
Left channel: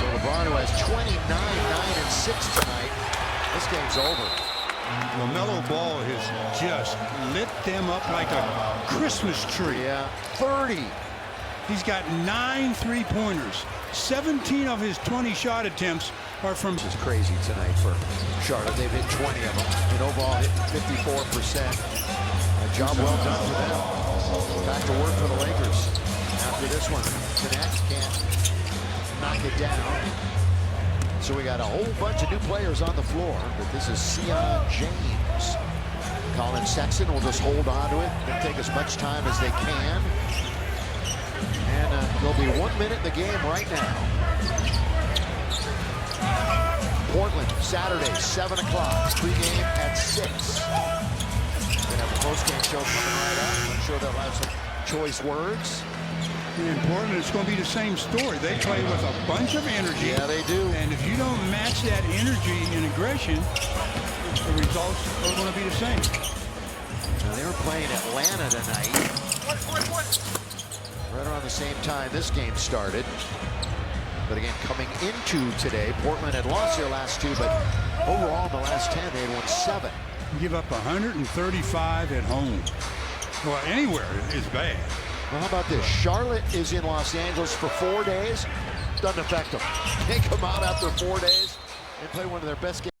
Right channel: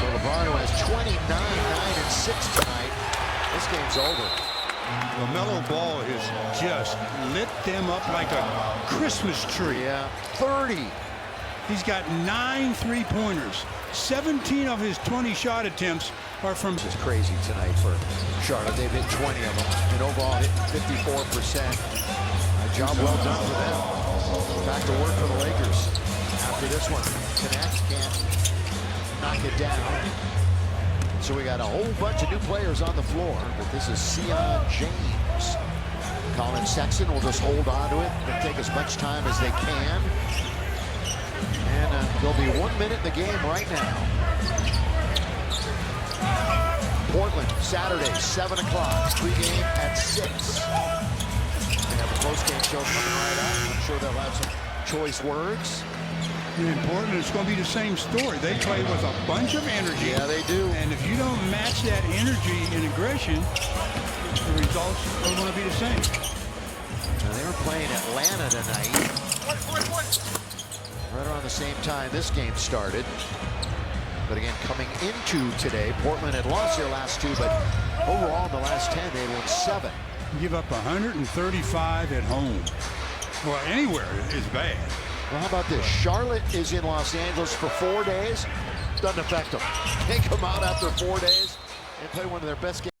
So LeBron, who has 29, 9, and 6 tonight, this game's over. LaMelo Ball has just lit them up like a Christmas tree. Yeah, 30. He's got 9 3-pointers. 17 of his 20 shot attempts are from. This is crazy tonight for Charlotte. They've hit 20 of them and overall hit 54%. A job well done for them. Back to work for the Lakers after this one. Connect, can't knock it down. So we got a whole bunch of new players on the floor, but this is Sion James. Colin Sexton will just hold on to it. They'll take as much time as they can. And there'll be 1 minute in the game right now. Portland, Saturday, 7 o'clock. Pre-game at 6. We're gonna have a post-game show coming right up. I'm sure they'll have some choice words. In Portland, it's going to be the same story. They play with a bunch of energy. Yeah, they do. And if you don't match that energy and aggression, the results are going to be the same. Now, they were playing Atlanta tonight. Right around the same time this game started. But again, coming into today, Portland had lost their last 2, but overall in the last 10, they had won 7. Give up 135 at home. Well, anywhere is bad. Well, how about this? Charlotte is in Los Angeles for 4 days. Doesn't affect them. They come out after 4 days and play one of their best games.